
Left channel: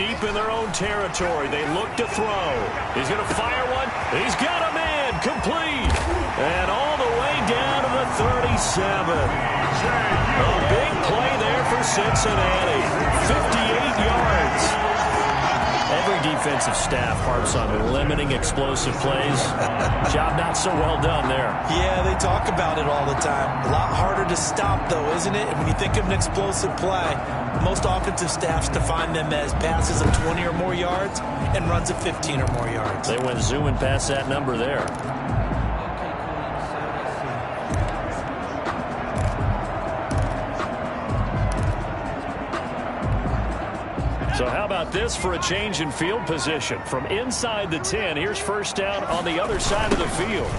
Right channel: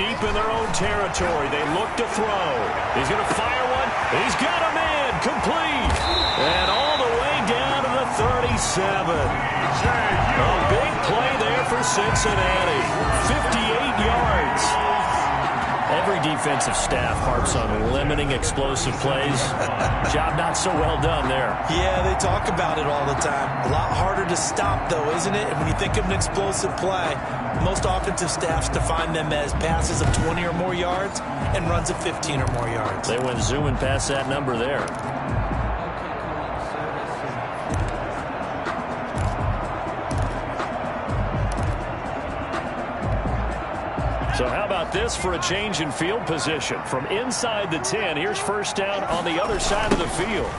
deep in their own territory. They look to throw. He's going to fire one. He's got a man. Complete. And all the way down to the 37. A big play there for Cincinnati. 58 yards. Every defensive staff harps on limiting explosive plays. Job not so well done there. Yeah, they talk about it all the time. A lot harder to stop, though, isn't it? And when you think of an explosive play, most offensive staffs define them as passes of 20 or more yards and runs of 15 or more yards. They went zooming past that number there. So how about this for a change in field position? From inside the 10, here's first down on the other side of the field.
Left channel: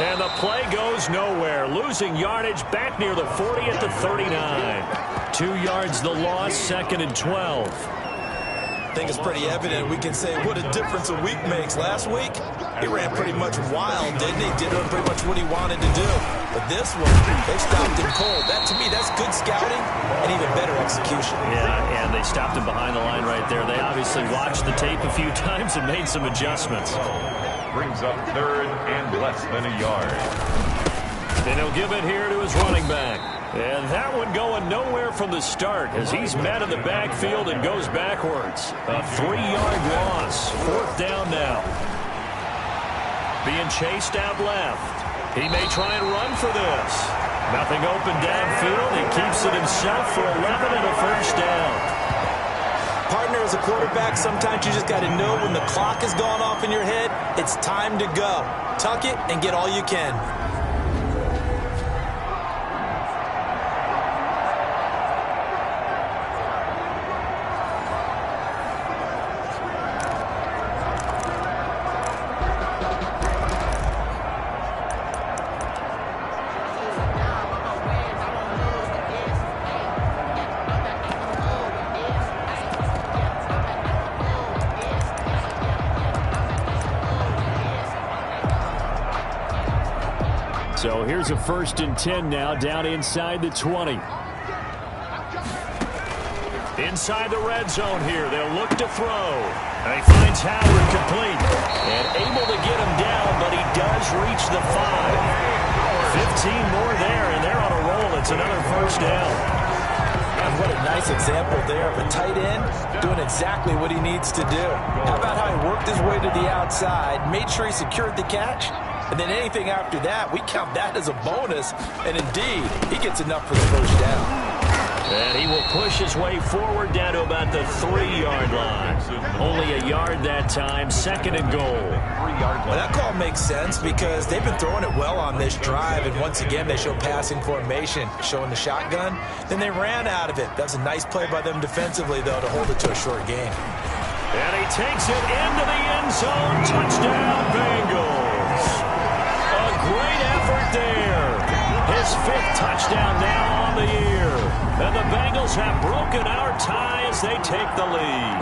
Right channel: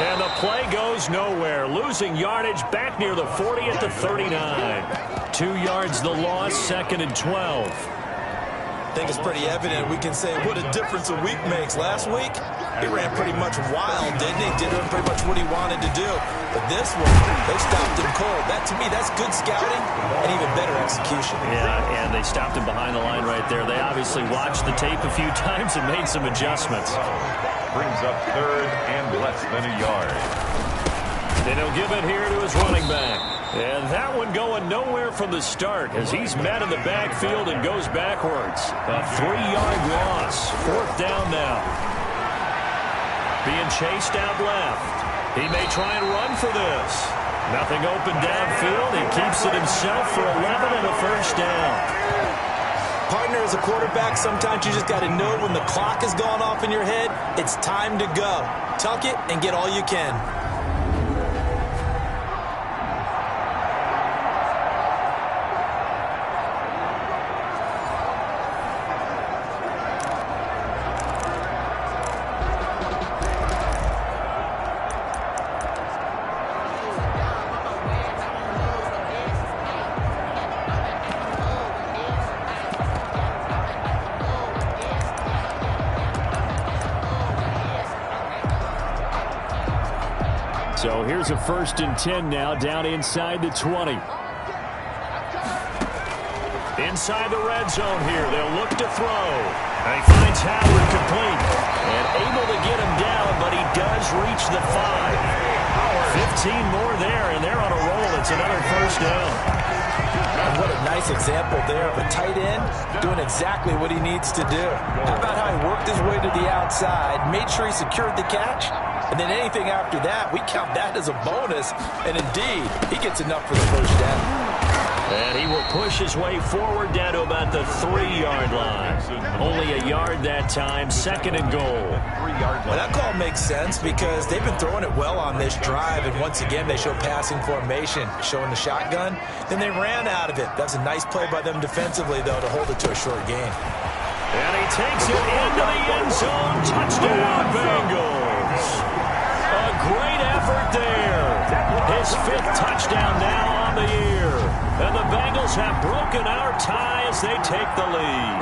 And the play goes nowhere. Losing yardage back near the 40 at the 39. 2 yards the loss, 2nd and 12. I think it's pretty evident. We can say what a difference a week makes. Last week, he ran pretty much wild, didn't he? Did pretty much what he wanted to do. But this one, they stopped him cold. That, to me, that's good scouting and even better execution. Yeah, and they stopped him behind the line right there. They obviously watched the tape a few times and made some adjustments. Brings up 3rd and less than a yard. And he'll give it here to his running back. And that one going nowhere from the start as he's met in the backfield and goes backwards. A 3-yard loss. 4th down now. Being chased out left. He may try and run for this. Nothing open downfield. He keeps it himself for 11 and a first down. Partner, as a quarterback, sometimes you just got to know when the clock is going off in your head, it's time to go. Tuck it and get all you can. So here's a 1st and 10 now, down inside the 20. Inside the red zone here, they'll look to throw. And he finds Howard complete. And able to get him down, but he does reach the 5. 15 more there, and they're on a roll. It's another first down. And what a nice example there of a tight end doing exactly what he needs to do. How about how he worked his way to the outside, made sure he secured the catch, and then anything after that, we count that as a bonus. And indeed, he gets enough for the first down. And he will push his way forward down to about the 3-yard line. Only a yard that time, 2nd and goal. Well, that call makes sense because they've been throwing it well on this drive. And once again, they show passing formation, showing the shotgun. Then they ran out of it. That's a nice play by them defensively, though, to hold it to a short game. And he takes it into the end zone. Touchdown, Bengals. A great effort there. His 5th touchdown now on the year. And the Bengals have broken our tie as they take the lead.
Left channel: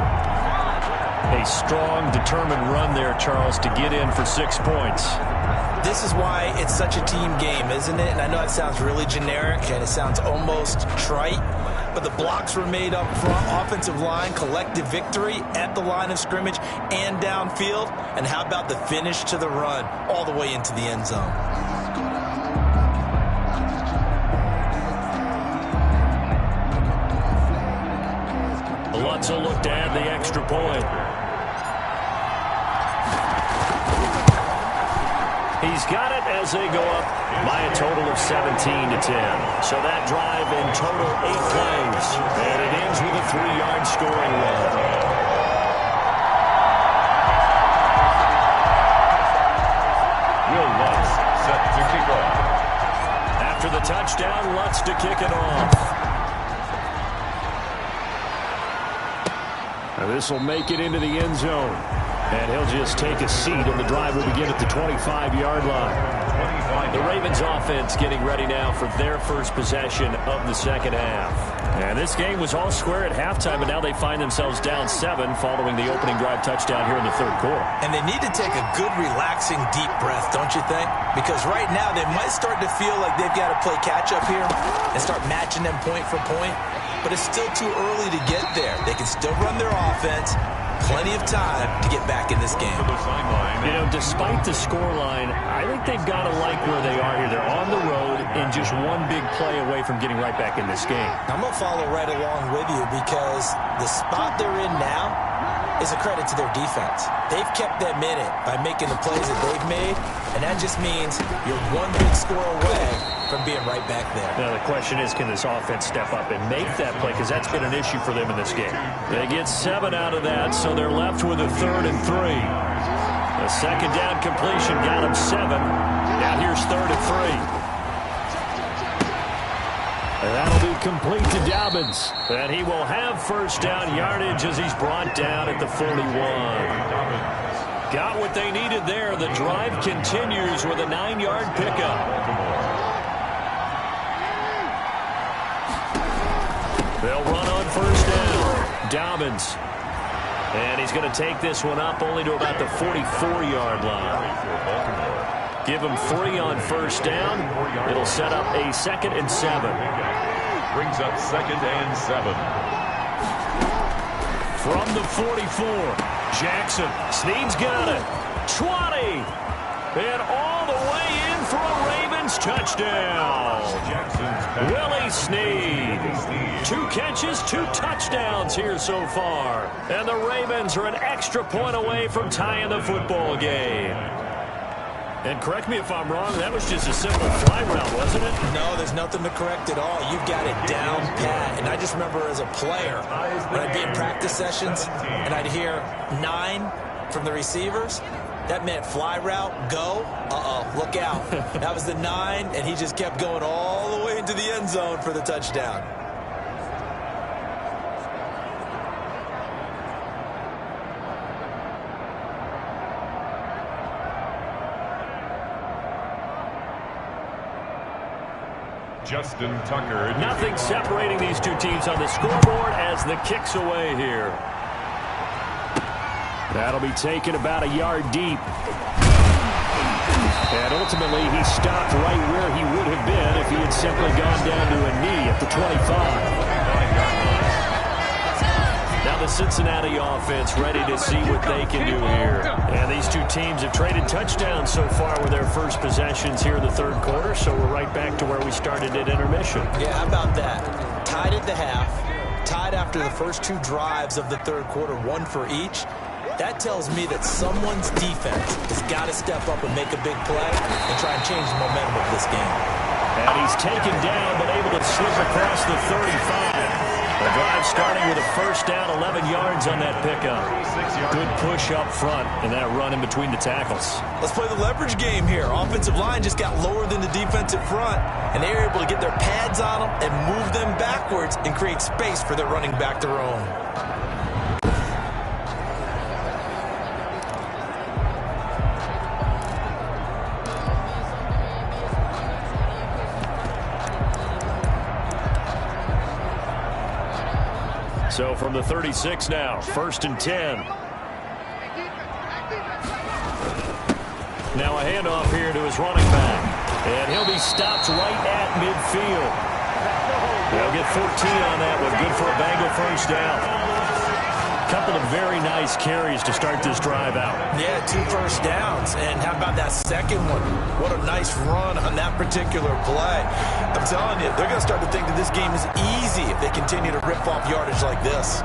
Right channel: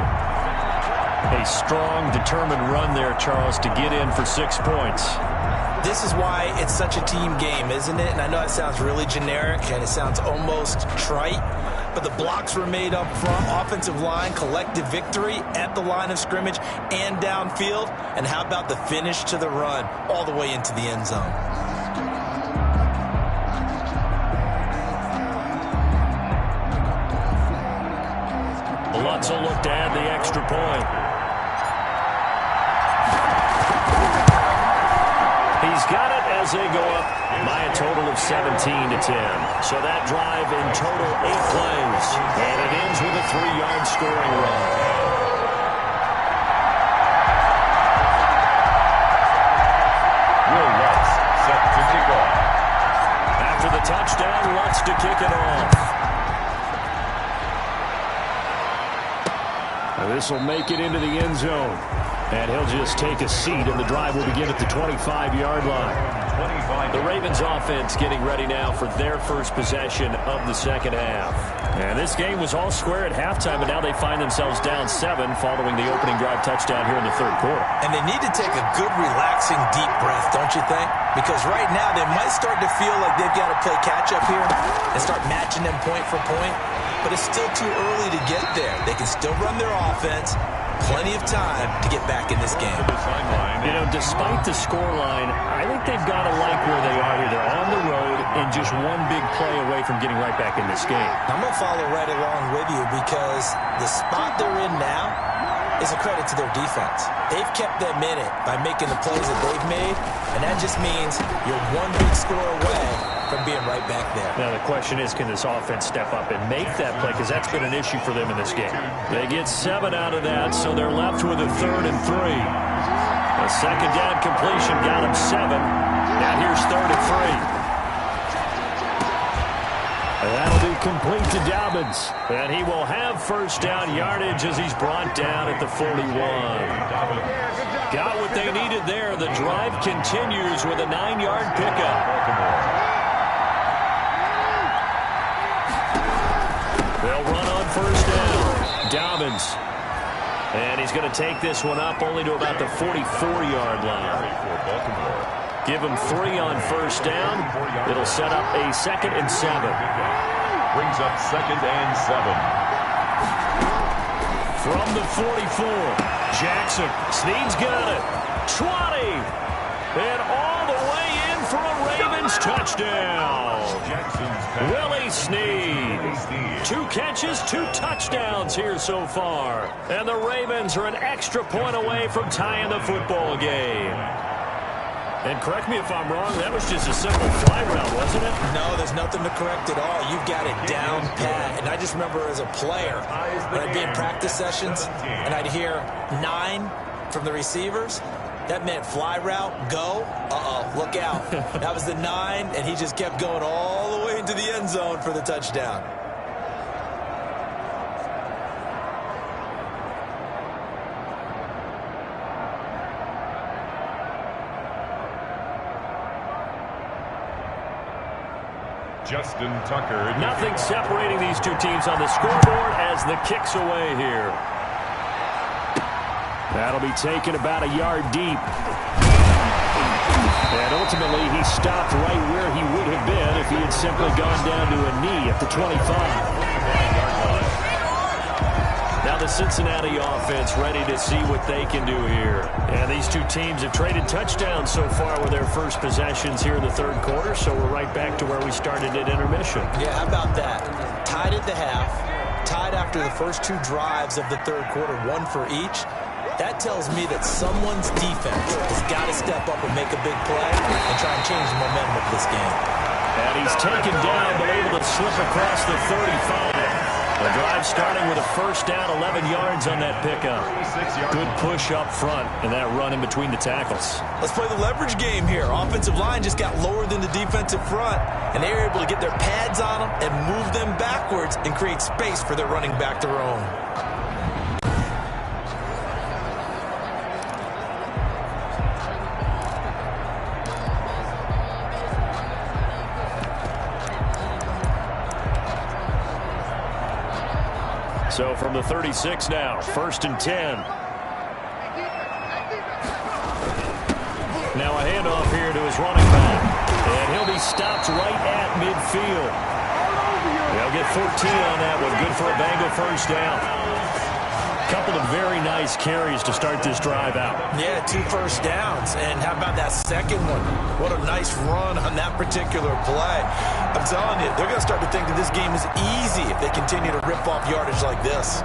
A strong, determined run there, Charles, to get in for 6 points. This is why it's such a team game, isn't it? And I know it sounds really generic and it sounds almost trite, but the blocks were made up front, offensive line, collective victory at the line of scrimmage and downfield. And how about the finish to the run all the way into the end zone? Lutz will look to add the extra point. He's got it as they go up by a total of 17-10. So that drive in total 8 plays. And it ends with a 3-yard scoring run. Will Lutz set to kick off. After the touchdown, Lutz to kick it off. Now this will make it into the end zone. And he'll just take a seat, and the drive will begin at the 25-yard line. The Ravens offense getting ready now for their first possession of the second half. And this game was all square at halftime, and now they find themselves down 7 following the opening drive touchdown here in the third quarter. And they need to take a good, relaxing, deep breath, don't you think? Because right now they might start to feel like they've got to play catch-up here and start matching them point for point. but it's still too early to get there. They can still run their offense. Plenty of time to get back in this game. You know, despite the scoreline, I think they've got to like where they are here. They're on the road and just one big play away from getting right back in this game. I'm going to follow right along with you because the spot they're in now is a credit to their defense. They've kept them in it by making the plays that they've made, and that just means you're one big score away from being right back there. Now the question is, can this offense step up and make that play? Because that's been an issue for them in this game. They get 7 out of that, so they're left with a 3rd and 3. A second down completion got them 7. Now here's 3rd and 3. And that'll be complete to Dobbins. And he will have first down yardage as he's brought down at the 41. Got what they needed there. The drive continues with a 9-yard pickup. They'll run on first down. Dobbins. And he's going to take this one up only to about the 44-yard line. Give him 3 on first down. It'll set up a 2nd and 7. Brings up 2nd and 7. From the 44, Jackson. Snead's got it. 20. And all the way in for a Ravens touchdown. Willie Snead. 2 catches, 2 touchdowns here so far. And the Ravens are an extra point away from tying the football game. And correct me if I'm wrong, that was just a simple fly route, wasn't it? No, there's nothing to correct at all. You've got it down pat. And I just remember as a player, when I'd be in practice sessions, and I'd hear 9 from the receivers, that meant fly route, go, look out. That was the 9, and he just kept going all the way into the end zone for the touchdown. Justin Tucker. Nothing separating these two teams on the scoreboard as the kick's away here. That'll be taken about a yard deep. And ultimately, he stopped right where he would have been if he had simply gone down to a knee at the 25-yard line. Now the Cincinnati offense ready to see what they can do here. And these two teams have traded touchdowns so far with their first possessions here in the 3rd quarter, so we're right back to where we started at intermission. Yeah, how about that? Tied at the half, tied after the first 2 drives of the 3rd quarter, 1 for each. That tells me that someone's defense has got to step up and make a big play and try and change the momentum of this game. And he's taken down but able to slip across the 35. The drive starting with a first down, 11 yards on that pickup. Good push up front and that run in between the tackles. Let's play the leverage game here. Offensive line just got lower than the defensive front, and they were able to get their pads on them and move them backwards and create space for their running back to roam. So from the 36 now, 1st and 10. Now a handoff here to his running back. And he'll be stopped right at midfield. They'll get 14 on that one. Good for a Bengal first down. Couple of very nice carries to start this drive out. Yeah, 2 first downs. And how about that second one? What a nice run on that particular play. I'm telling you, they're going to start to think that this game is easy if they continue to rip off yardage like this.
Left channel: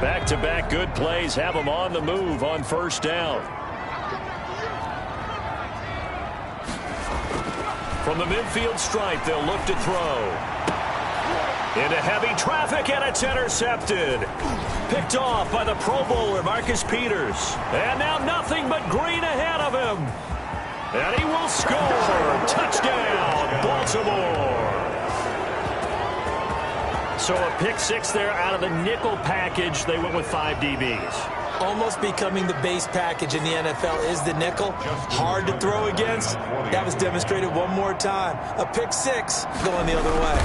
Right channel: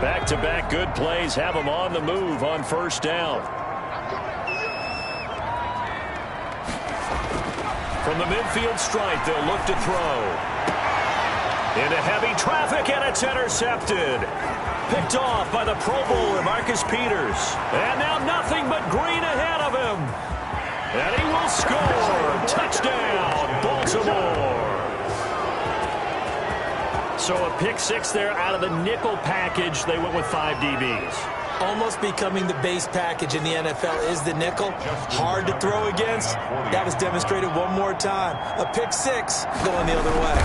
Back-to-back good plays have them on the move on first down. From the midfield stripe, they'll look to throw. Into heavy traffic, and it's intercepted. Picked off by the Pro Bowler, Marcus Peters. And now nothing but green ahead of him. And he will score. Touchdown, Baltimore. So a pick 6 there out of the nickel package. They went with 5 DBs. Almost becoming the base package in the NFL is the nickel. Hard to throw against. That was demonstrated one more time. A pick 6 going the other way.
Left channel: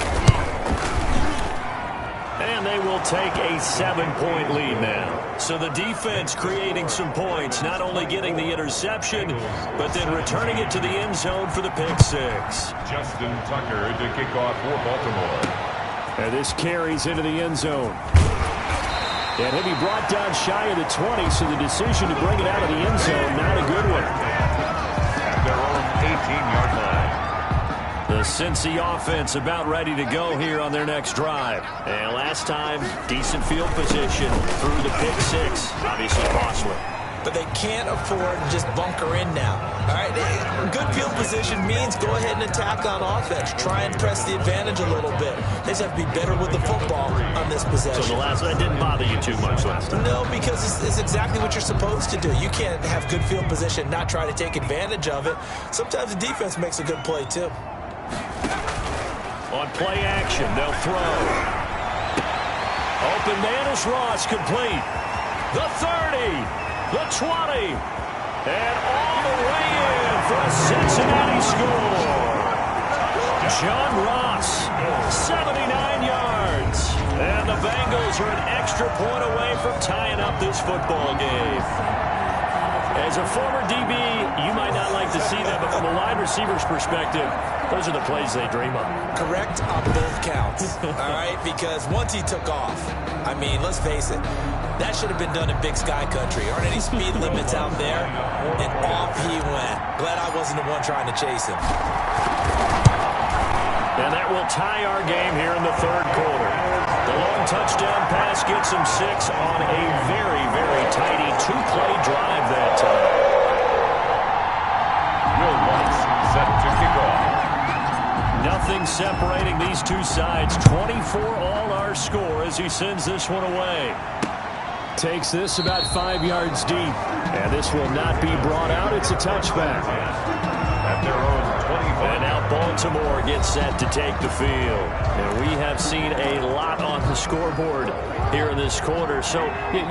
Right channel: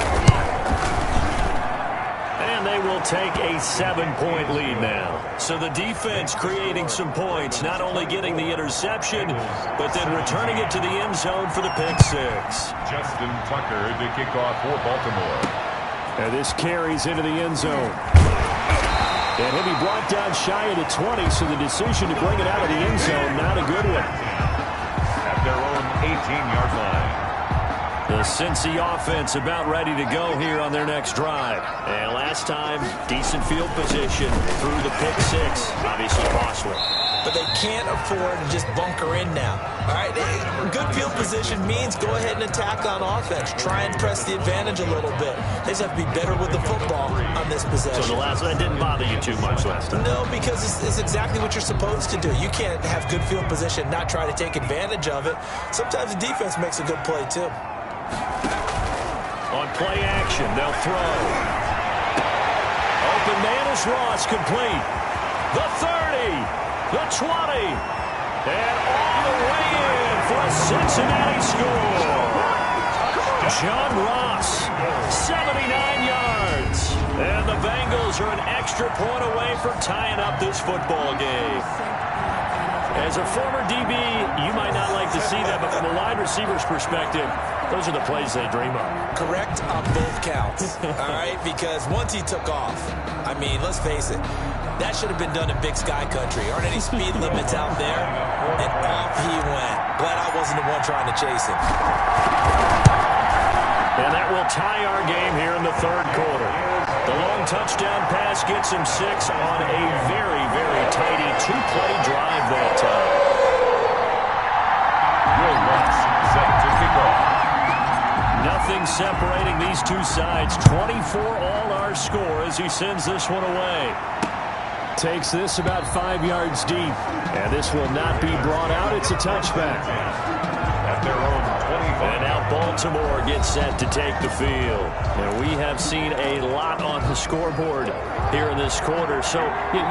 And they will take a 7-point lead now. So the defense creating some points, not only getting the interception, but then returning it to the end zone for the pick six. Justin Tucker to kick off for Baltimore. And this carries into the end zone. And he'll be brought down shy of the 20, so the decision to bring it out of the end zone, not a good one. At their own 18-yard line. The Cincy offense about ready to go here on their next drive. And last time, decent field position through the pick six. Obviously costly. But they can't afford to just bunker in now. All right, good field position means go ahead and attack on offense. Try and press the advantage a little bit. They just have to be better with the football on this possession. So that didn't bother you too much last time? No, because it's exactly what you're supposed to do. You can't have good field position and not try to take advantage of it. Sometimes the defense makes a good play, too. On play action, they'll throw. Open man is Ross, complete. The 30, the 20, and all the way in for a Cincinnati score. John Ross, 79 yards. And the Bengals are an extra point away from tying up this football game. As a former DB, you might not like to see that, but from a wide receiver's perspective, those are the plays they dream of. Correct on both counts, all right? Because once he took off, I mean, let's face it, that should have been done in Big Sky Country. Aren't any speed limits out there? And off he went. Glad I wasn't the one trying to chase him. And that will tie our game here in the third quarter. The long touchdown pass gets him 6 on a very, very tidy two-play drive that time. Will Lutz set to kick off. Nothing separating these two sides. 24 all our score as he sends this one away. Takes this about 5 yards deep. And this will not be brought out. It's a touchback. At their own 25. And now Baltimore gets set to take the field. And we have seen a lot on the scoreboard here in this quarter. So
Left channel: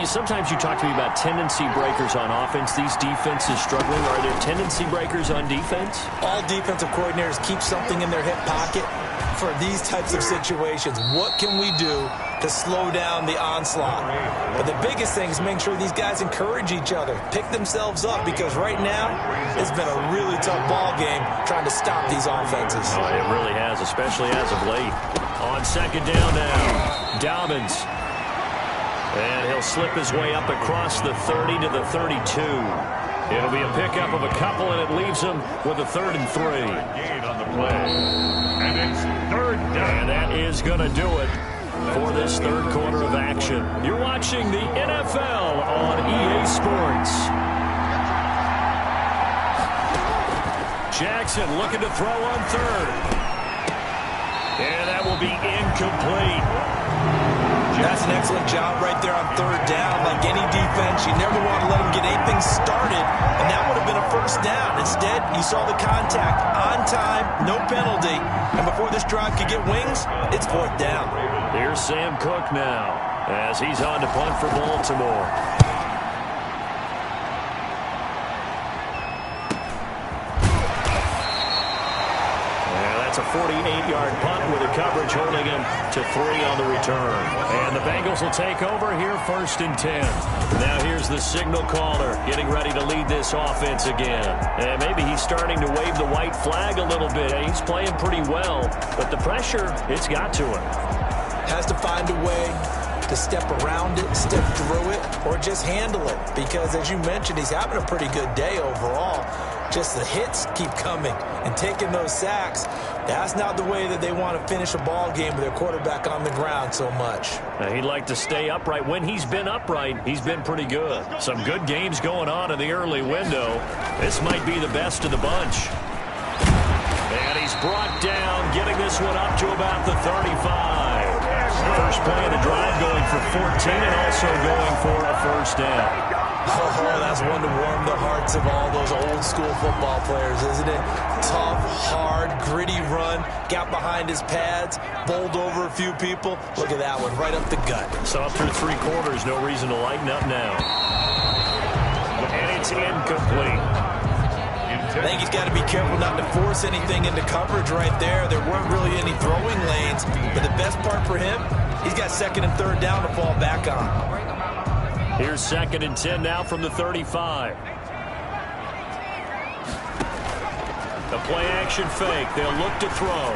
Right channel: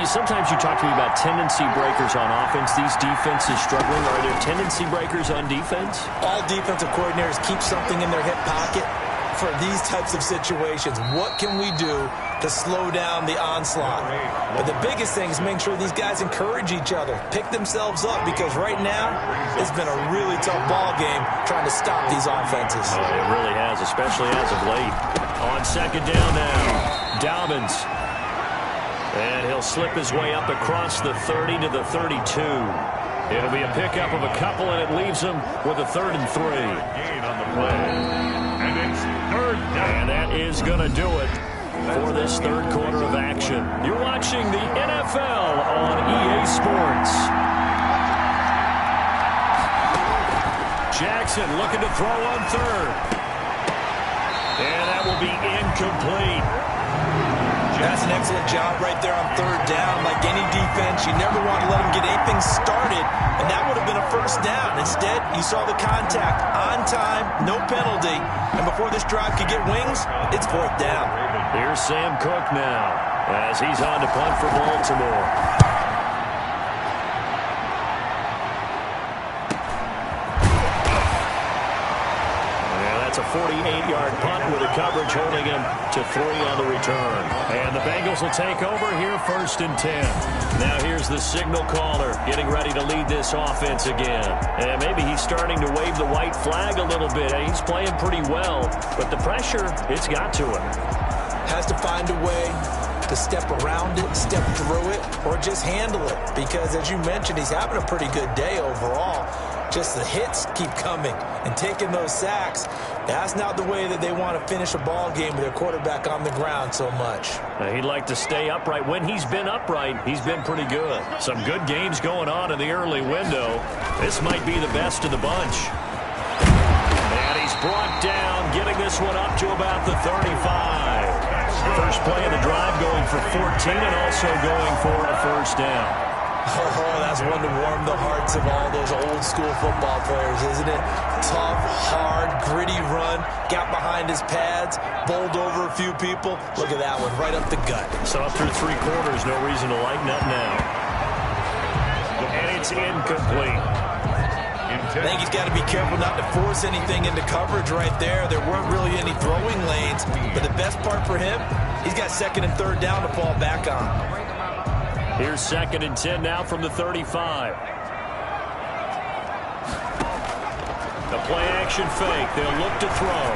sometimes you talk to me about tendency breakers on offense. These defenses struggling. Are there tendency breakers on defense? All defensive coordinators keep something in their hip pocket for these types of situations. What can we do to slow down the onslaught? But the biggest thing is making sure these guys encourage each other, pick themselves up, because right now it's been a really tough ball game trying to stop these offenses. Oh, it really has, especially as of late. On second down now, Dobbins. And he'll slip his way up across the 30 to the 32. It'll be a pickup of a couple, and it leaves him with a 3rd and 3. Gain on the play. And it's third down. And that is going to do it for this third quarter of action. You're watching the NFL on EA Sports. Jackson looking to throw on 3rd. And that will be incomplete. That's an excellent job right there on 3rd down. Like any defense, you never want to let them get anything started, and that would have been a 1st down. Instead, you saw the contact on time, no penalty, and before this drive could get wings, it's 4th down. Here's Sam Cook now as he's on to punt for Baltimore. That's a 48-yard punt with a coverage holding him to 3 on the return. And the Bengals will take over here 1st and 10. Now here's the signal caller getting ready to lead this offense again. And maybe he's starting to wave the white flag a little bit. He's playing pretty well, but the pressure, it's got to him. Has to find a way to step around it, step through it, or just handle it. Because as you mentioned, he's having a pretty good day overall. Just the hits keep coming and taking those sacks. That's not the way that they want to finish a ball game with their quarterback on the ground so much. He'd like to stay upright. When he's been upright, he's been pretty good. Some good games going on in the early window. This might be the best of the bunch. And he's brought down, getting this one up to about the 35. First play of the drive going for 14 and also going for a 1st down. Oh, that's one to warm the hearts of all those old-school football players, isn't it? Tough, hard, gritty run, got behind his pads, bowled over a few people. Look at that one, right up the gut. So up through 3 quarters, no reason to lighten up now. And it's incomplete. I think he's got to be careful not to force anything into coverage right there. There weren't really any throwing lanes, but the best part for him, he's got second and third down to fall back on. Here's 2nd and 10 now from the 35. The play-action fake. They'll look to throw.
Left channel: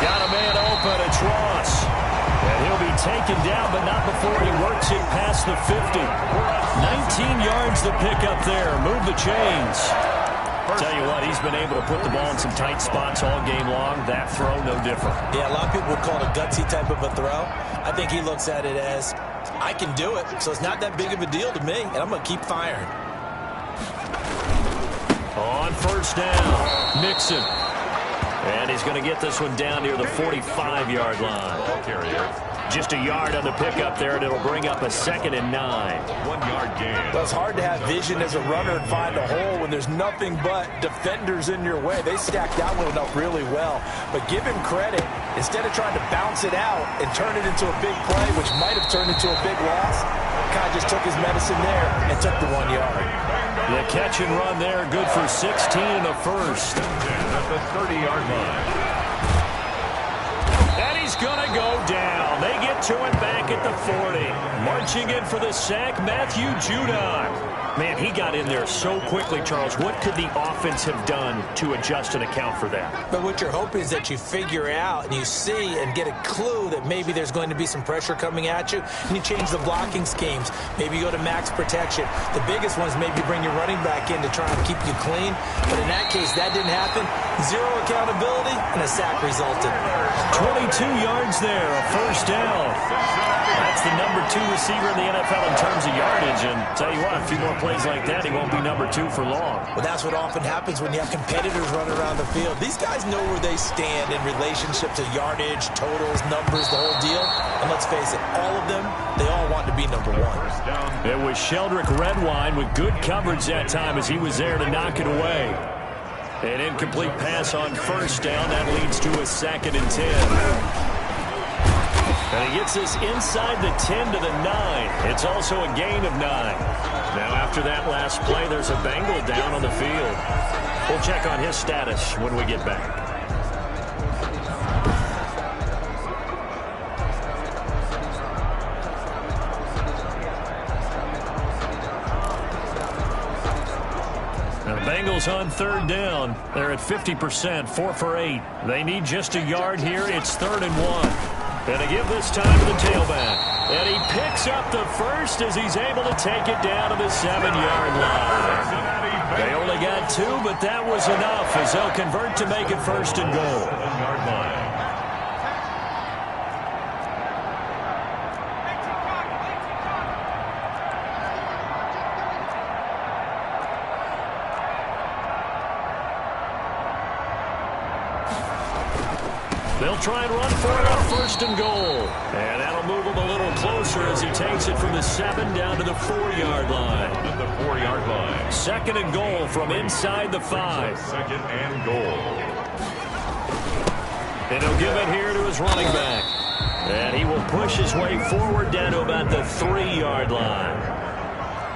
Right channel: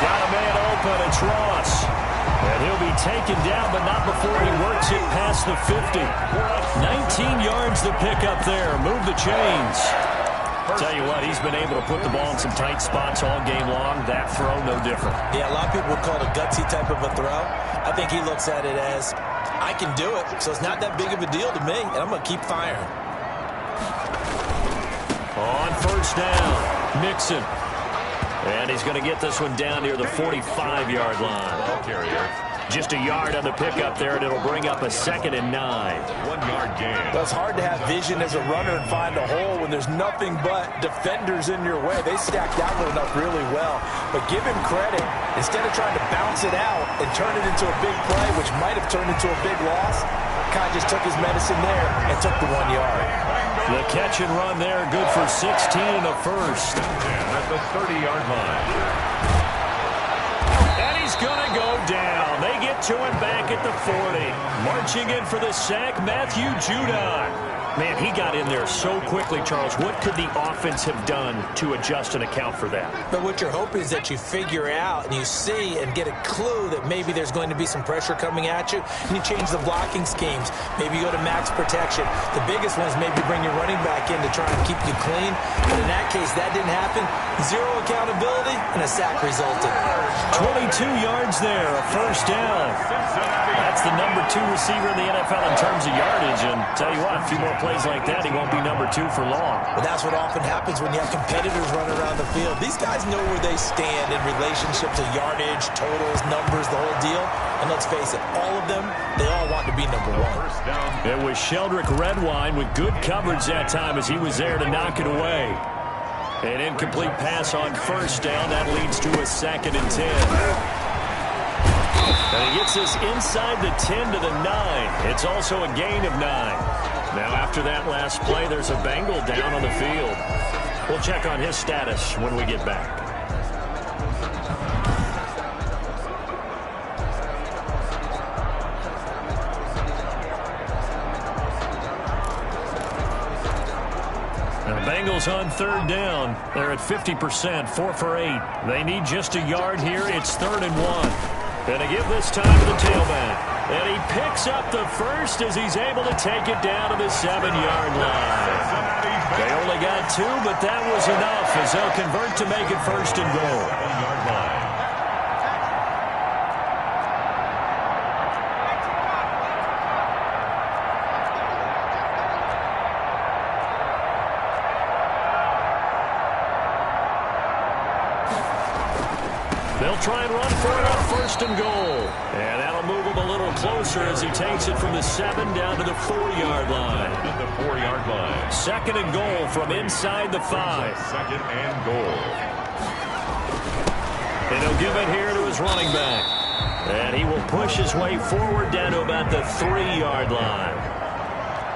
Got a man open. It's Ross. And he'll be taken down, but not before he works it past the 50. 19 yards to pick up there. Move the chains. Tell you what, he's been able to put the ball in some tight spots all game long. That throw, no different. Yeah, a lot of people would call it a gutsy type of a throw. I think he looks at it as, I can do it, so it's not that big of a deal to me, and I'm going to keep firing. On first down, Mixon. And he's going to get this one down near the 45-yard line. Ball carrier. Just a yard on the pickup there, and it'll bring up a 2nd and 9. 1 yard gain. Well, it's hard to have vision as a runner and find a hole when there's nothing but defenders in your way. They stacked that one up really well. But give him credit. Instead of trying to bounce it out and turn it into a big play, which might have turned into a big loss, kind of just took his medicine there and took the 1 yard. The catch and run there, good for 16 and a first. At the 30-yard line. And he's going to go down. They get to him back at the 40. Marching in for the sack, Matthew Judon. Man, he got in there so quickly, Charles. What could the offense have done to adjust and account for that? But what you're hoping is that you figure out and you see and get a clue that maybe there's going to be some pressure coming at you, and you change the blocking schemes. Maybe you go to max protection. The biggest one is maybe bring your running back in to try and keep you clean. But in that case, that didn't happen. Zero accountability, and a sack resulted. 22 yards there, a first down. That's the number 2 receiver in the NFL in terms of yardage. And tell you what, a few more plays like that, he won't be number 2 for long. Well, that's what often happens when you have competitors running around the field. These guys know where they stand in relationship to yardage, totals, numbers, the whole deal. And let's face it, all of them, they all want to be number 1. It was Sheldrick Redwine with good coverage that time as he was there to knock it away. An incomplete pass on first down. That leads to a 2nd and 10. And he gets this inside the 10 to the 9. It's also a gain of 9. Now after that last play, there's a Bengal down on the field. We'll check on his status when we get back. Now the Bengals on 3rd down. They're at 50%, 4 for 8. They need just a yard here. It's 3rd and 1. And to give this time to the tailback. And he picks up the first as he's able to take it down to the 7-yard line. They only got 2, but that was enough as they'll convert to make it 1st and goal. 7-yard line. They'll try and run for it on 1st and goal. And that'll move him a little closer as he takes it from the 7 down to the 4-yard line. At the 4-yard line. 2nd and goal from inside the 5. 2nd and goal. And he'll give it here to his running back. And he will push his way forward down to about the 3-yard line.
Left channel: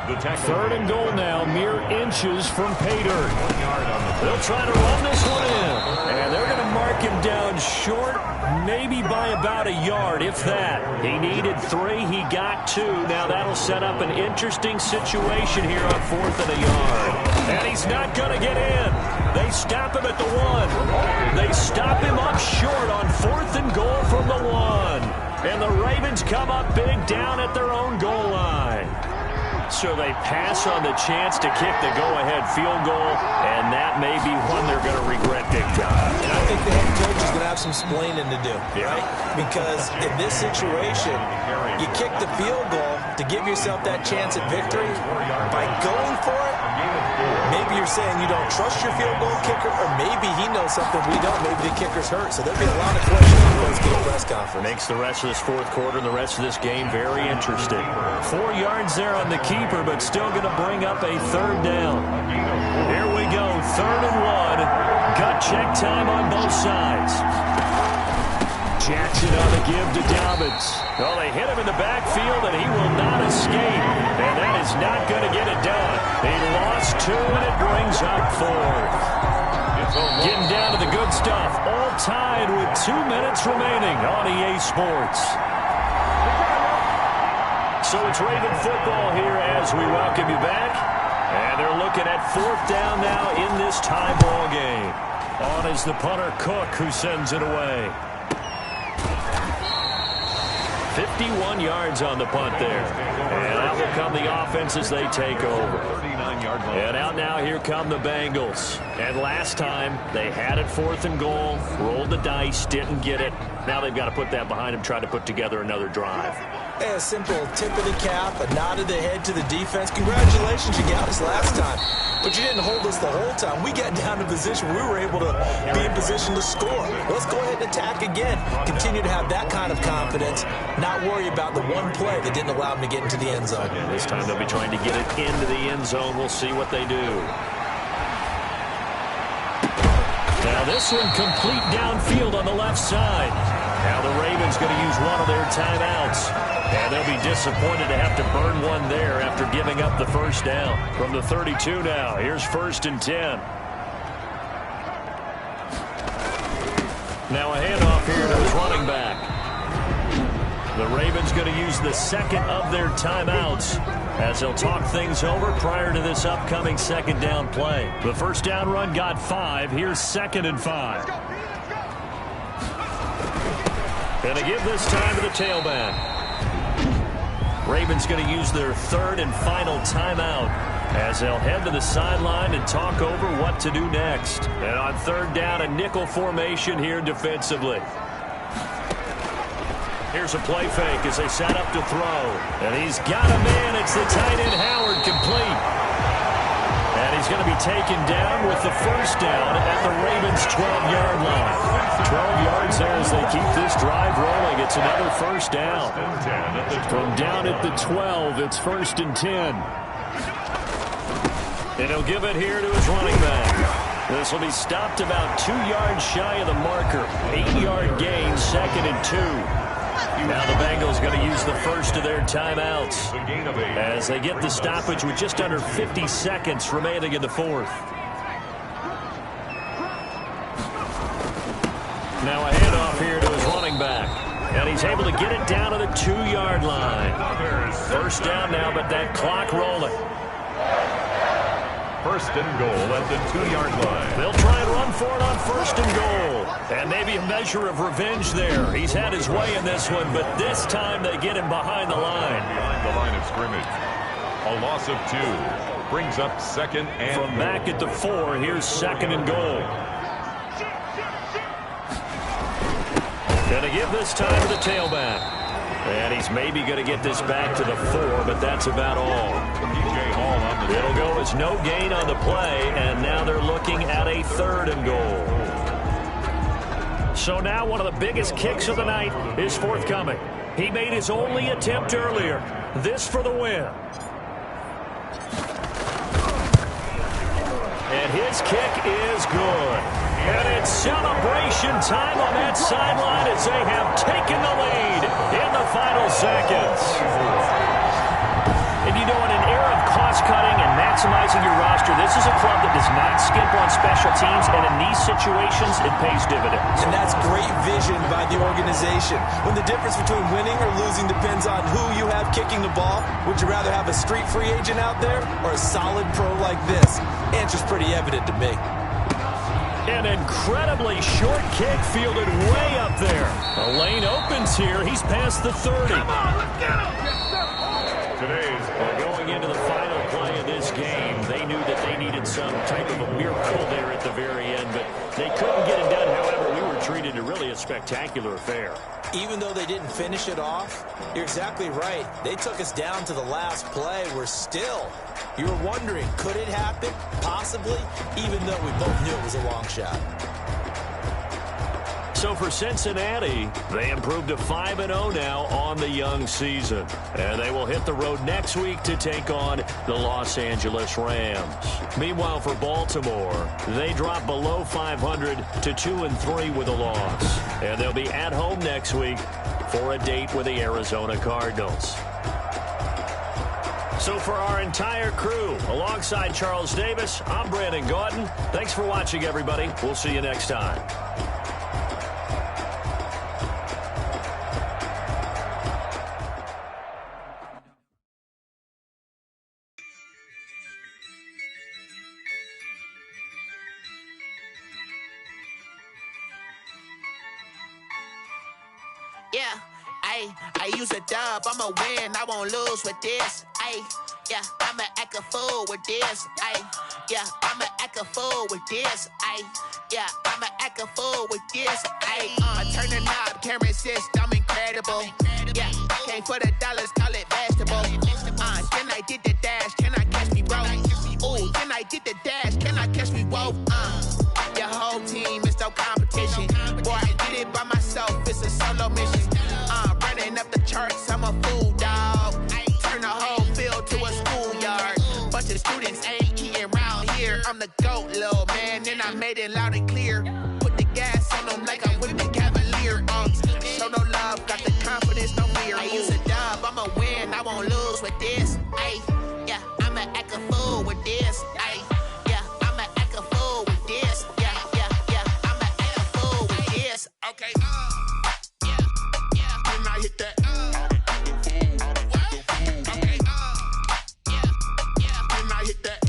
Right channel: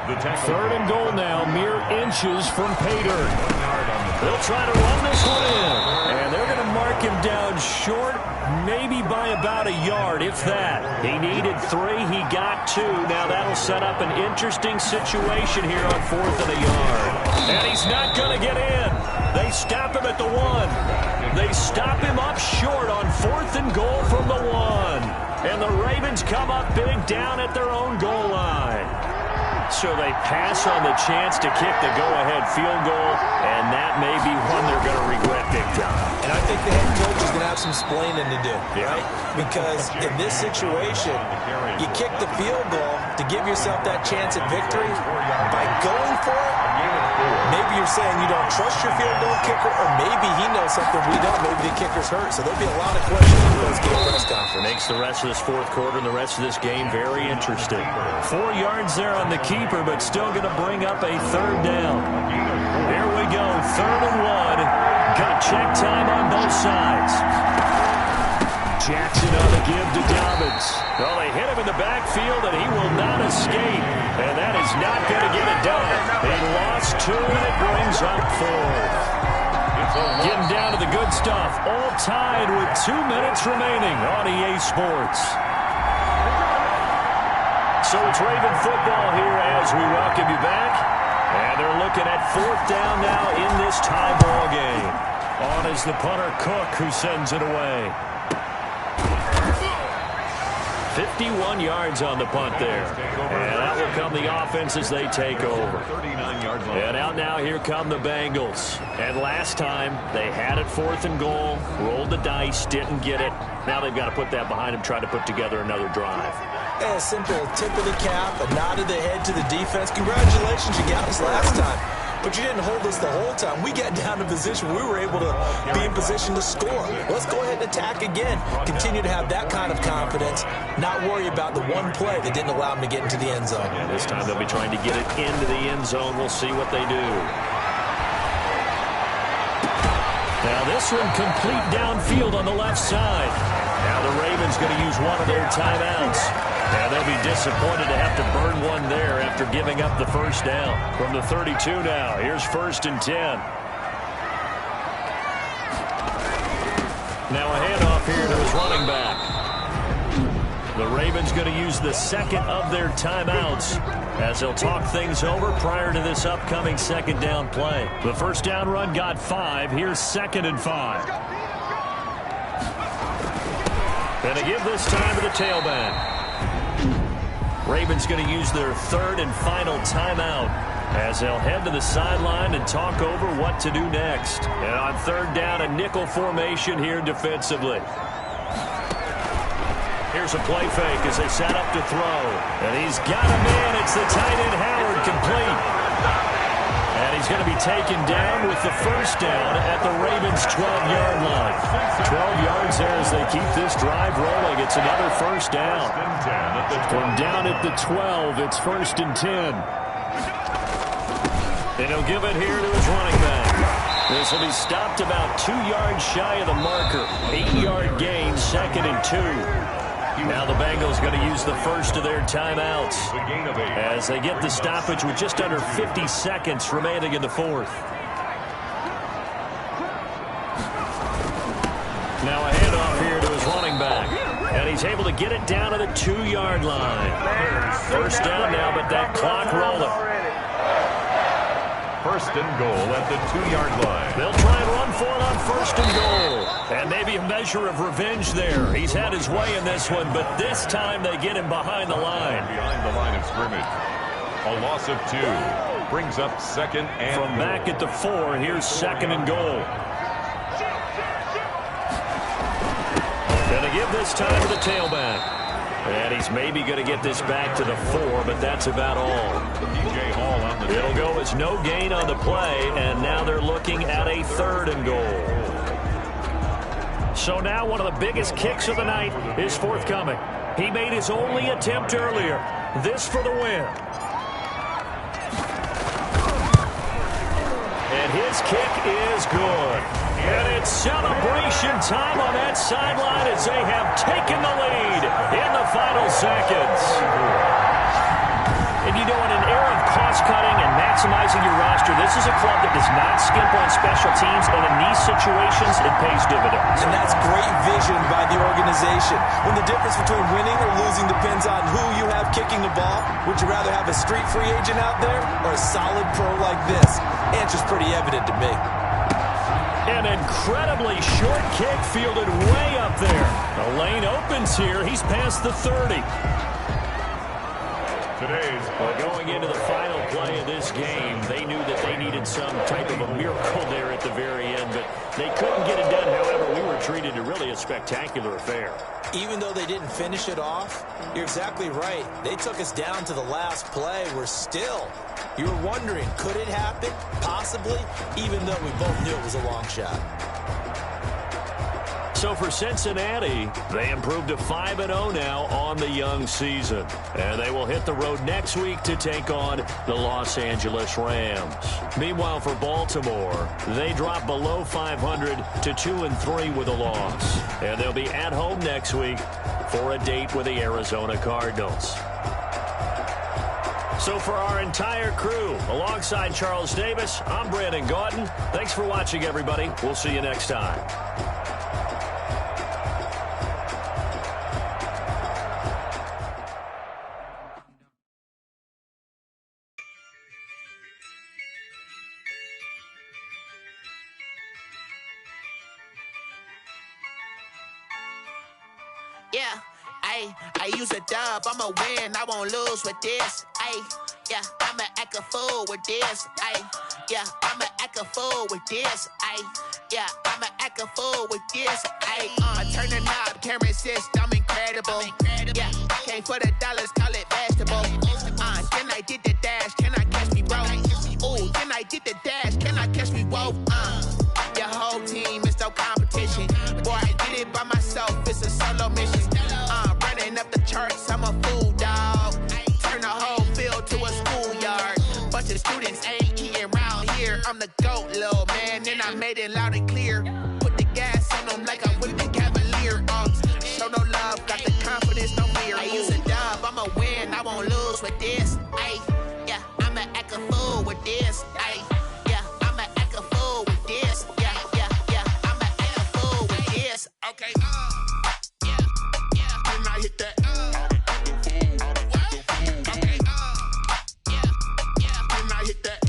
3rd and goal now, mere inches from pay dirt. 1 yard on the play. They'll try to run this one in. And they're going to mark him down short, maybe by about a yard, if that. He needed 3. He got 2. Now that'll set up an interesting situation here on 4th and a yard. And he's not going to get in. They stop him at the 1. They stop him up short on 4th and goal from the 1. And the Ravens come up big down at their own goal line. So they pass on the chance to kick the go-ahead field goal, and that may be one they're going to regret big time. And I think the head coach is going to have some splaining to do, right? Because in this situation, you kick the field goal to give yourself that chance at victory. By going for it, maybe you're saying you don't trust your field goal kicker, or maybe he knows something we don't. Maybe the kicker's hurt. So there'll be a lot of questions in the post-game press conference. Makes the rest of this 4th quarter and the rest of this game very interesting. 4 yards there on the keeper, but still going to bring up a 3rd down. Here we go, 3rd and 1. Gut check time on both sides. Jackson on the give to Dobbins. Well, they hit him in the backfield, and he will not escape. And that is not going to get it done. He lost 2, and it brings up 4th. Getting down to the good stuff. All tied with 2 minutes remaining on EA Sports. So it's Raven football here as we welcome you back. And they're looking at 4th down now in this tie ball game. On is the punter Cook, who sends it away. 51 yards on the punt there. And out will come the offense as they take over. And out now, here come the Bengals. And last time, they had it 4th and goal, rolled the dice, didn't get it. Now they've got to put that behind them, try to put together another drive. Hey, a simple tip of the cap, a nod of the head to the defense. Congratulations, you got us last time. But you didn't hold us the whole time. We got down to position. We were able to be in position to score. Let's go ahead and attack again. Continue to have that kind of confidence. Not worry about the one play that didn't allow them to get into the end zone. Yeah, this time they'll be trying to get it into the end zone. We'll see what they do. Now this one complete downfield on the left side. Now the Ravens going to use one of their timeouts. And they'll be disappointed to have to burn one there after giving up the first down. From the 32 now, here's 1st and 10. Now a handoff here to his running back. The Ravens going to use the second of their timeouts as they'll talk things over prior to this upcoming 2nd down play. The first down run got 5. Here's 2nd and 5. And they give this time to the tailback. Ravens going to use their 3rd and final timeout as they'll head to the sideline and talk over what to do next. And on 3rd down, a nickel formation here defensively. Here's a play fake as they set up to throw. And he's got a man. It's the tight end Howard, complete. And he's going to be taken down with the first down at the Ravens' 12-yard line. 12 yards there as they keep this drive rolling. It's another first down. From down at the 12, it's 1st and 10. And he'll give it here to his running back. This will be stopped about 2 yards shy of the marker. 8-yard gain, 2nd and 2. Now the Bengals going to use the first of their timeouts as they get the stoppage with just under 50 seconds remaining in the 4th. Now a handoff here to his running back. And he's able to get it down to the 2-yard line. First down now, but that clock rolling. 1st and goal at the 2-yard line. They'll try and run for it on 1st and goal. And maybe a measure of revenge there. He's had his way in this one, but this time they get him behind the line. Behind the line of scrimmage. A loss of 2. Brings up 2nd and From goal. back at the 4, here's 2nd and goal. Going to give this time to the tailback. And he's maybe going to get this back to the 4, but that's about all. It'll go as no gain on the play, and now they're looking at a 3rd and goal. So now one of the biggest kicks of the night is forthcoming. He made his only attempt earlier. This for the win. And his kick is good. And it's celebration time on that sideline as they have taken the lead in the final seconds. And you know, in an era of cost-cutting and maximizing your roster, this is a club that does not skimp on special teams, and in these situations, it pays dividends. And that's great vision by the organization. When the difference between winning or losing depends on who you have kicking the ball, would you rather have a street free agent out there or a solid pro like this? Answer's pretty evident to me. An incredibly short kick fielded way up there. The lane opens here. He's past the 30. Well, going into the final play of this game, they knew that they needed some type of a miracle there at the very end, but they couldn't get it done. However, we were treated to really a spectacular affair. Even though they didn't finish it off, you're exactly right. They took us down to the last play. You were wondering, could it happen? Possibly, even though we both knew it was a long shot. So for Cincinnati, they improved to 5-0 now on the young season. And they will hit the road next week to take on the Los Angeles Rams. Meanwhile, for Baltimore, they drop below 500 to 2-3 with a loss. And they'll be at home next week for a date with the Arizona Cardinals. So for our entire crew, alongside Charles Davis, I'm Brandon Gaudin. Thanks for watching, everybody. We'll see you next time. Yeah, I use a dub, I'ma win, I won't lose with this. Yeah, I'ma act a fool with this. Yeah, I'ma act a fool with this. Yeah, I'ma act a fool with this. I turn the knob, camera assist, I'm incredible. Yeah, came for the dollars, call it vegetable. Then I did the dash, can I catch me, bro? Ooh, then I did the dash, can I catch me, whoa? Your whole team is no competition. Boy, I did it by myself, it's a solo mission. Running up the charts, I'm a fool, dog. Turn the whole field to a schoolyard. Bunch of students ain't eating round here. I'm the GOAT, little man, and I made it loud and clear. Put the gas on them like I'm with the Cavalier. Show no love, got the confidence, no fear. I use a dub, I'ma win, I won't lose with this. Yeah, I'ma act a fool with this. Yeah, I'ma act a fool with this. Yeah, I'ma act a fool with this. Okay, yeah, when I hit that. Okay, yeah, when I hit that.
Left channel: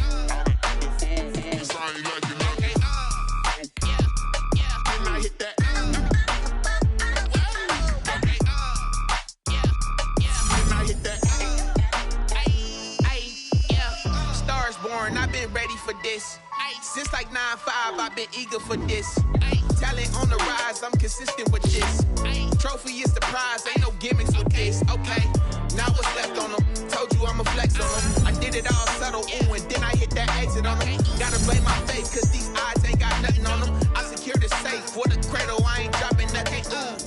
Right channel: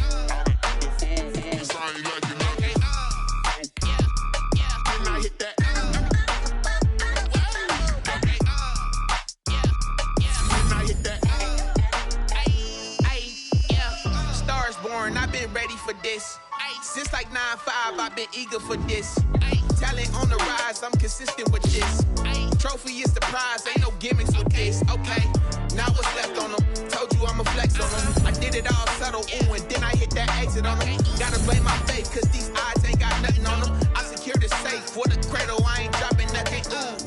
Cause I ain't like it, okay, yeah, when I hit that. Okay, yeah, when I hit that. Yeah, stars born, I've been ready for this. Since like 9-5, I've been eager for this. Talent on the rise, I'm consistent with this. Trophy is the prize, ain't no gimmicks with this. Okay, now what's left on them? Told you I'ma flex on them. I did it all subtle, ooh, and then I hit that exit on them. Gotta blame my faith, cause these odds ain't got nothing on them. I secure the safe for the cradle, I ain't dropping nothing, ooh.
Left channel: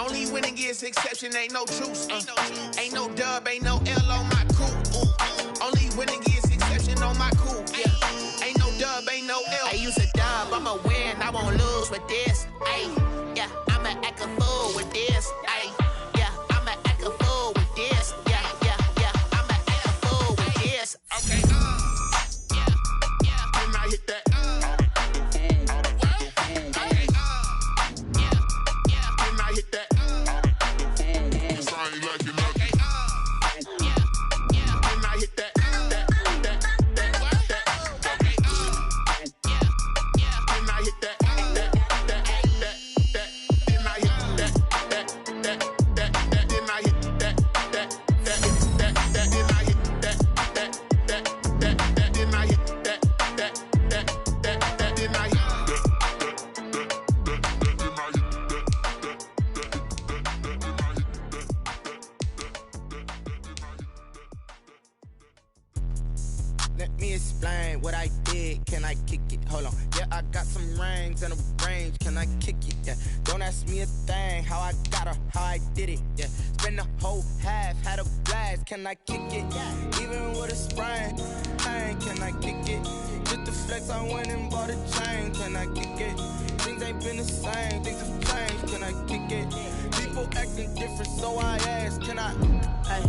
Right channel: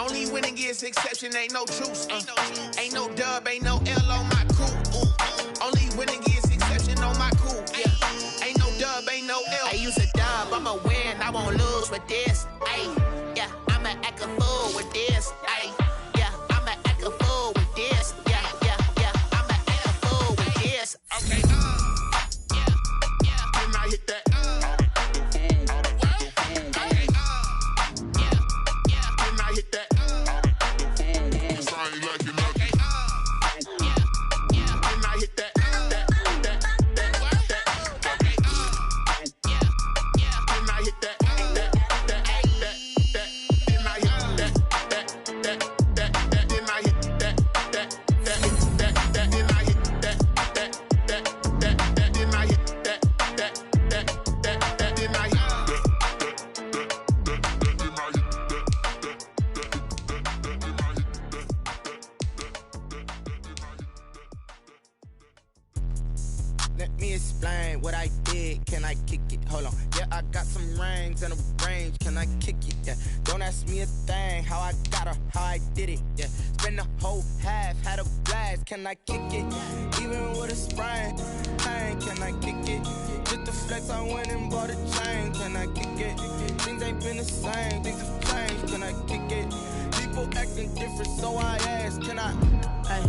Only winning is exception, ain't no truce. Ain't no dub, ain't no L on my crew. Only winning is exception on my crew. Yeah, ain't no dub, ain't no L. I use a dub, I'ma win, I won't lose with this. Yeah, I'ma act a fool with this. Yeah, I'ma act a fool with this. Yeah, I'ma act a fool with this. Okay, yeah, when I hit that. Okay, yeah, when I hit that. Cause I ain't like it, okay, yeah, when I hit that. Okay, yeah, when I hit that. Let me explain what I did. Can I kick it? Hold on. Yeah, I got some rings and a range. Can I kick it? Yeah. Don't ask me a thing. How I got her, how I did it. Yeah. Spend the whole half, had a blast. Can I kick it? Even with a sprain. Hey, can I kick it? Just the flex, I went and bought a chain. Can I kick it? Things ain't been the same. Things have changed. Can I kick it? People acting different, so I ask. Can I? Hey,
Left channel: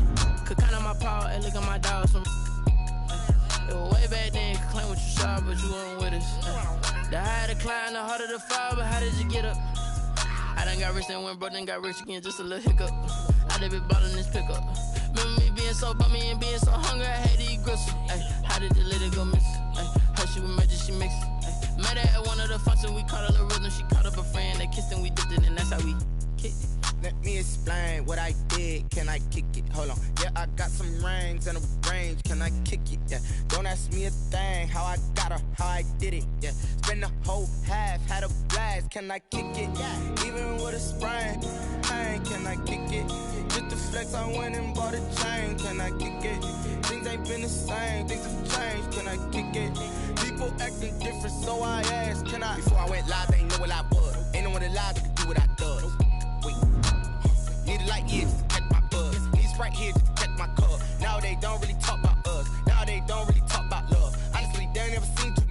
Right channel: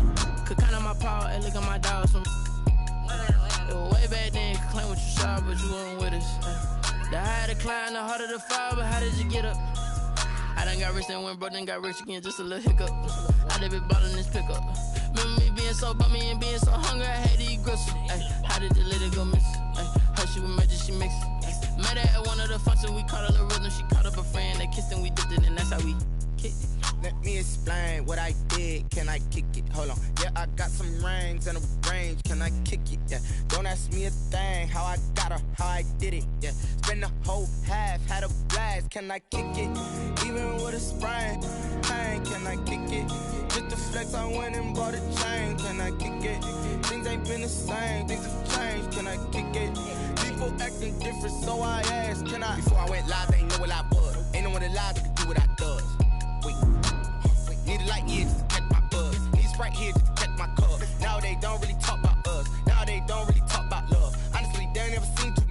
could count on my power and look at my dogs from. It was way back then, could claim what you saw, but you weren't with us. The higher the climb, the harder the fall, but how did you get up? I done got rich and went broke, then got rich again, just a little hiccup. I done been ballin' this pickup. Remember me being so bummy and being so hungry, I had to eat gristle. How did the lady go miss? How she was magic, she mixed. Met her at one of the functions, we caught her the rhythm, she caught up a friend, they kissed and we dipped it, and that's how we kicked it. Let me explain what I did. Can I kick it? Hold on. Yeah, I got some rings and a range. Can I kick it? Yeah. Don't ask me a thing. How I got her, how I did it. Yeah. Spend the whole half, had a blast. Can I kick it? Even with a sprain. Hey, can I kick it? Just the flex, I went and bought a chain. Can I kick it? Things ain't been the same. Things have changed. Can I kick it? People acting different, so I asked. Can I? Before I went live, they ain't know what I was. Ain't no one alive. right here to protect my cup. Now they don't really talk about us. Now they don't really talk about love. Honestly, they ain't never seen too.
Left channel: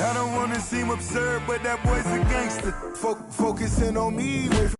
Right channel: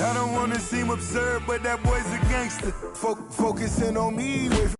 I don't wanna seem absurd, but that boy's a gangster. Focusing on me with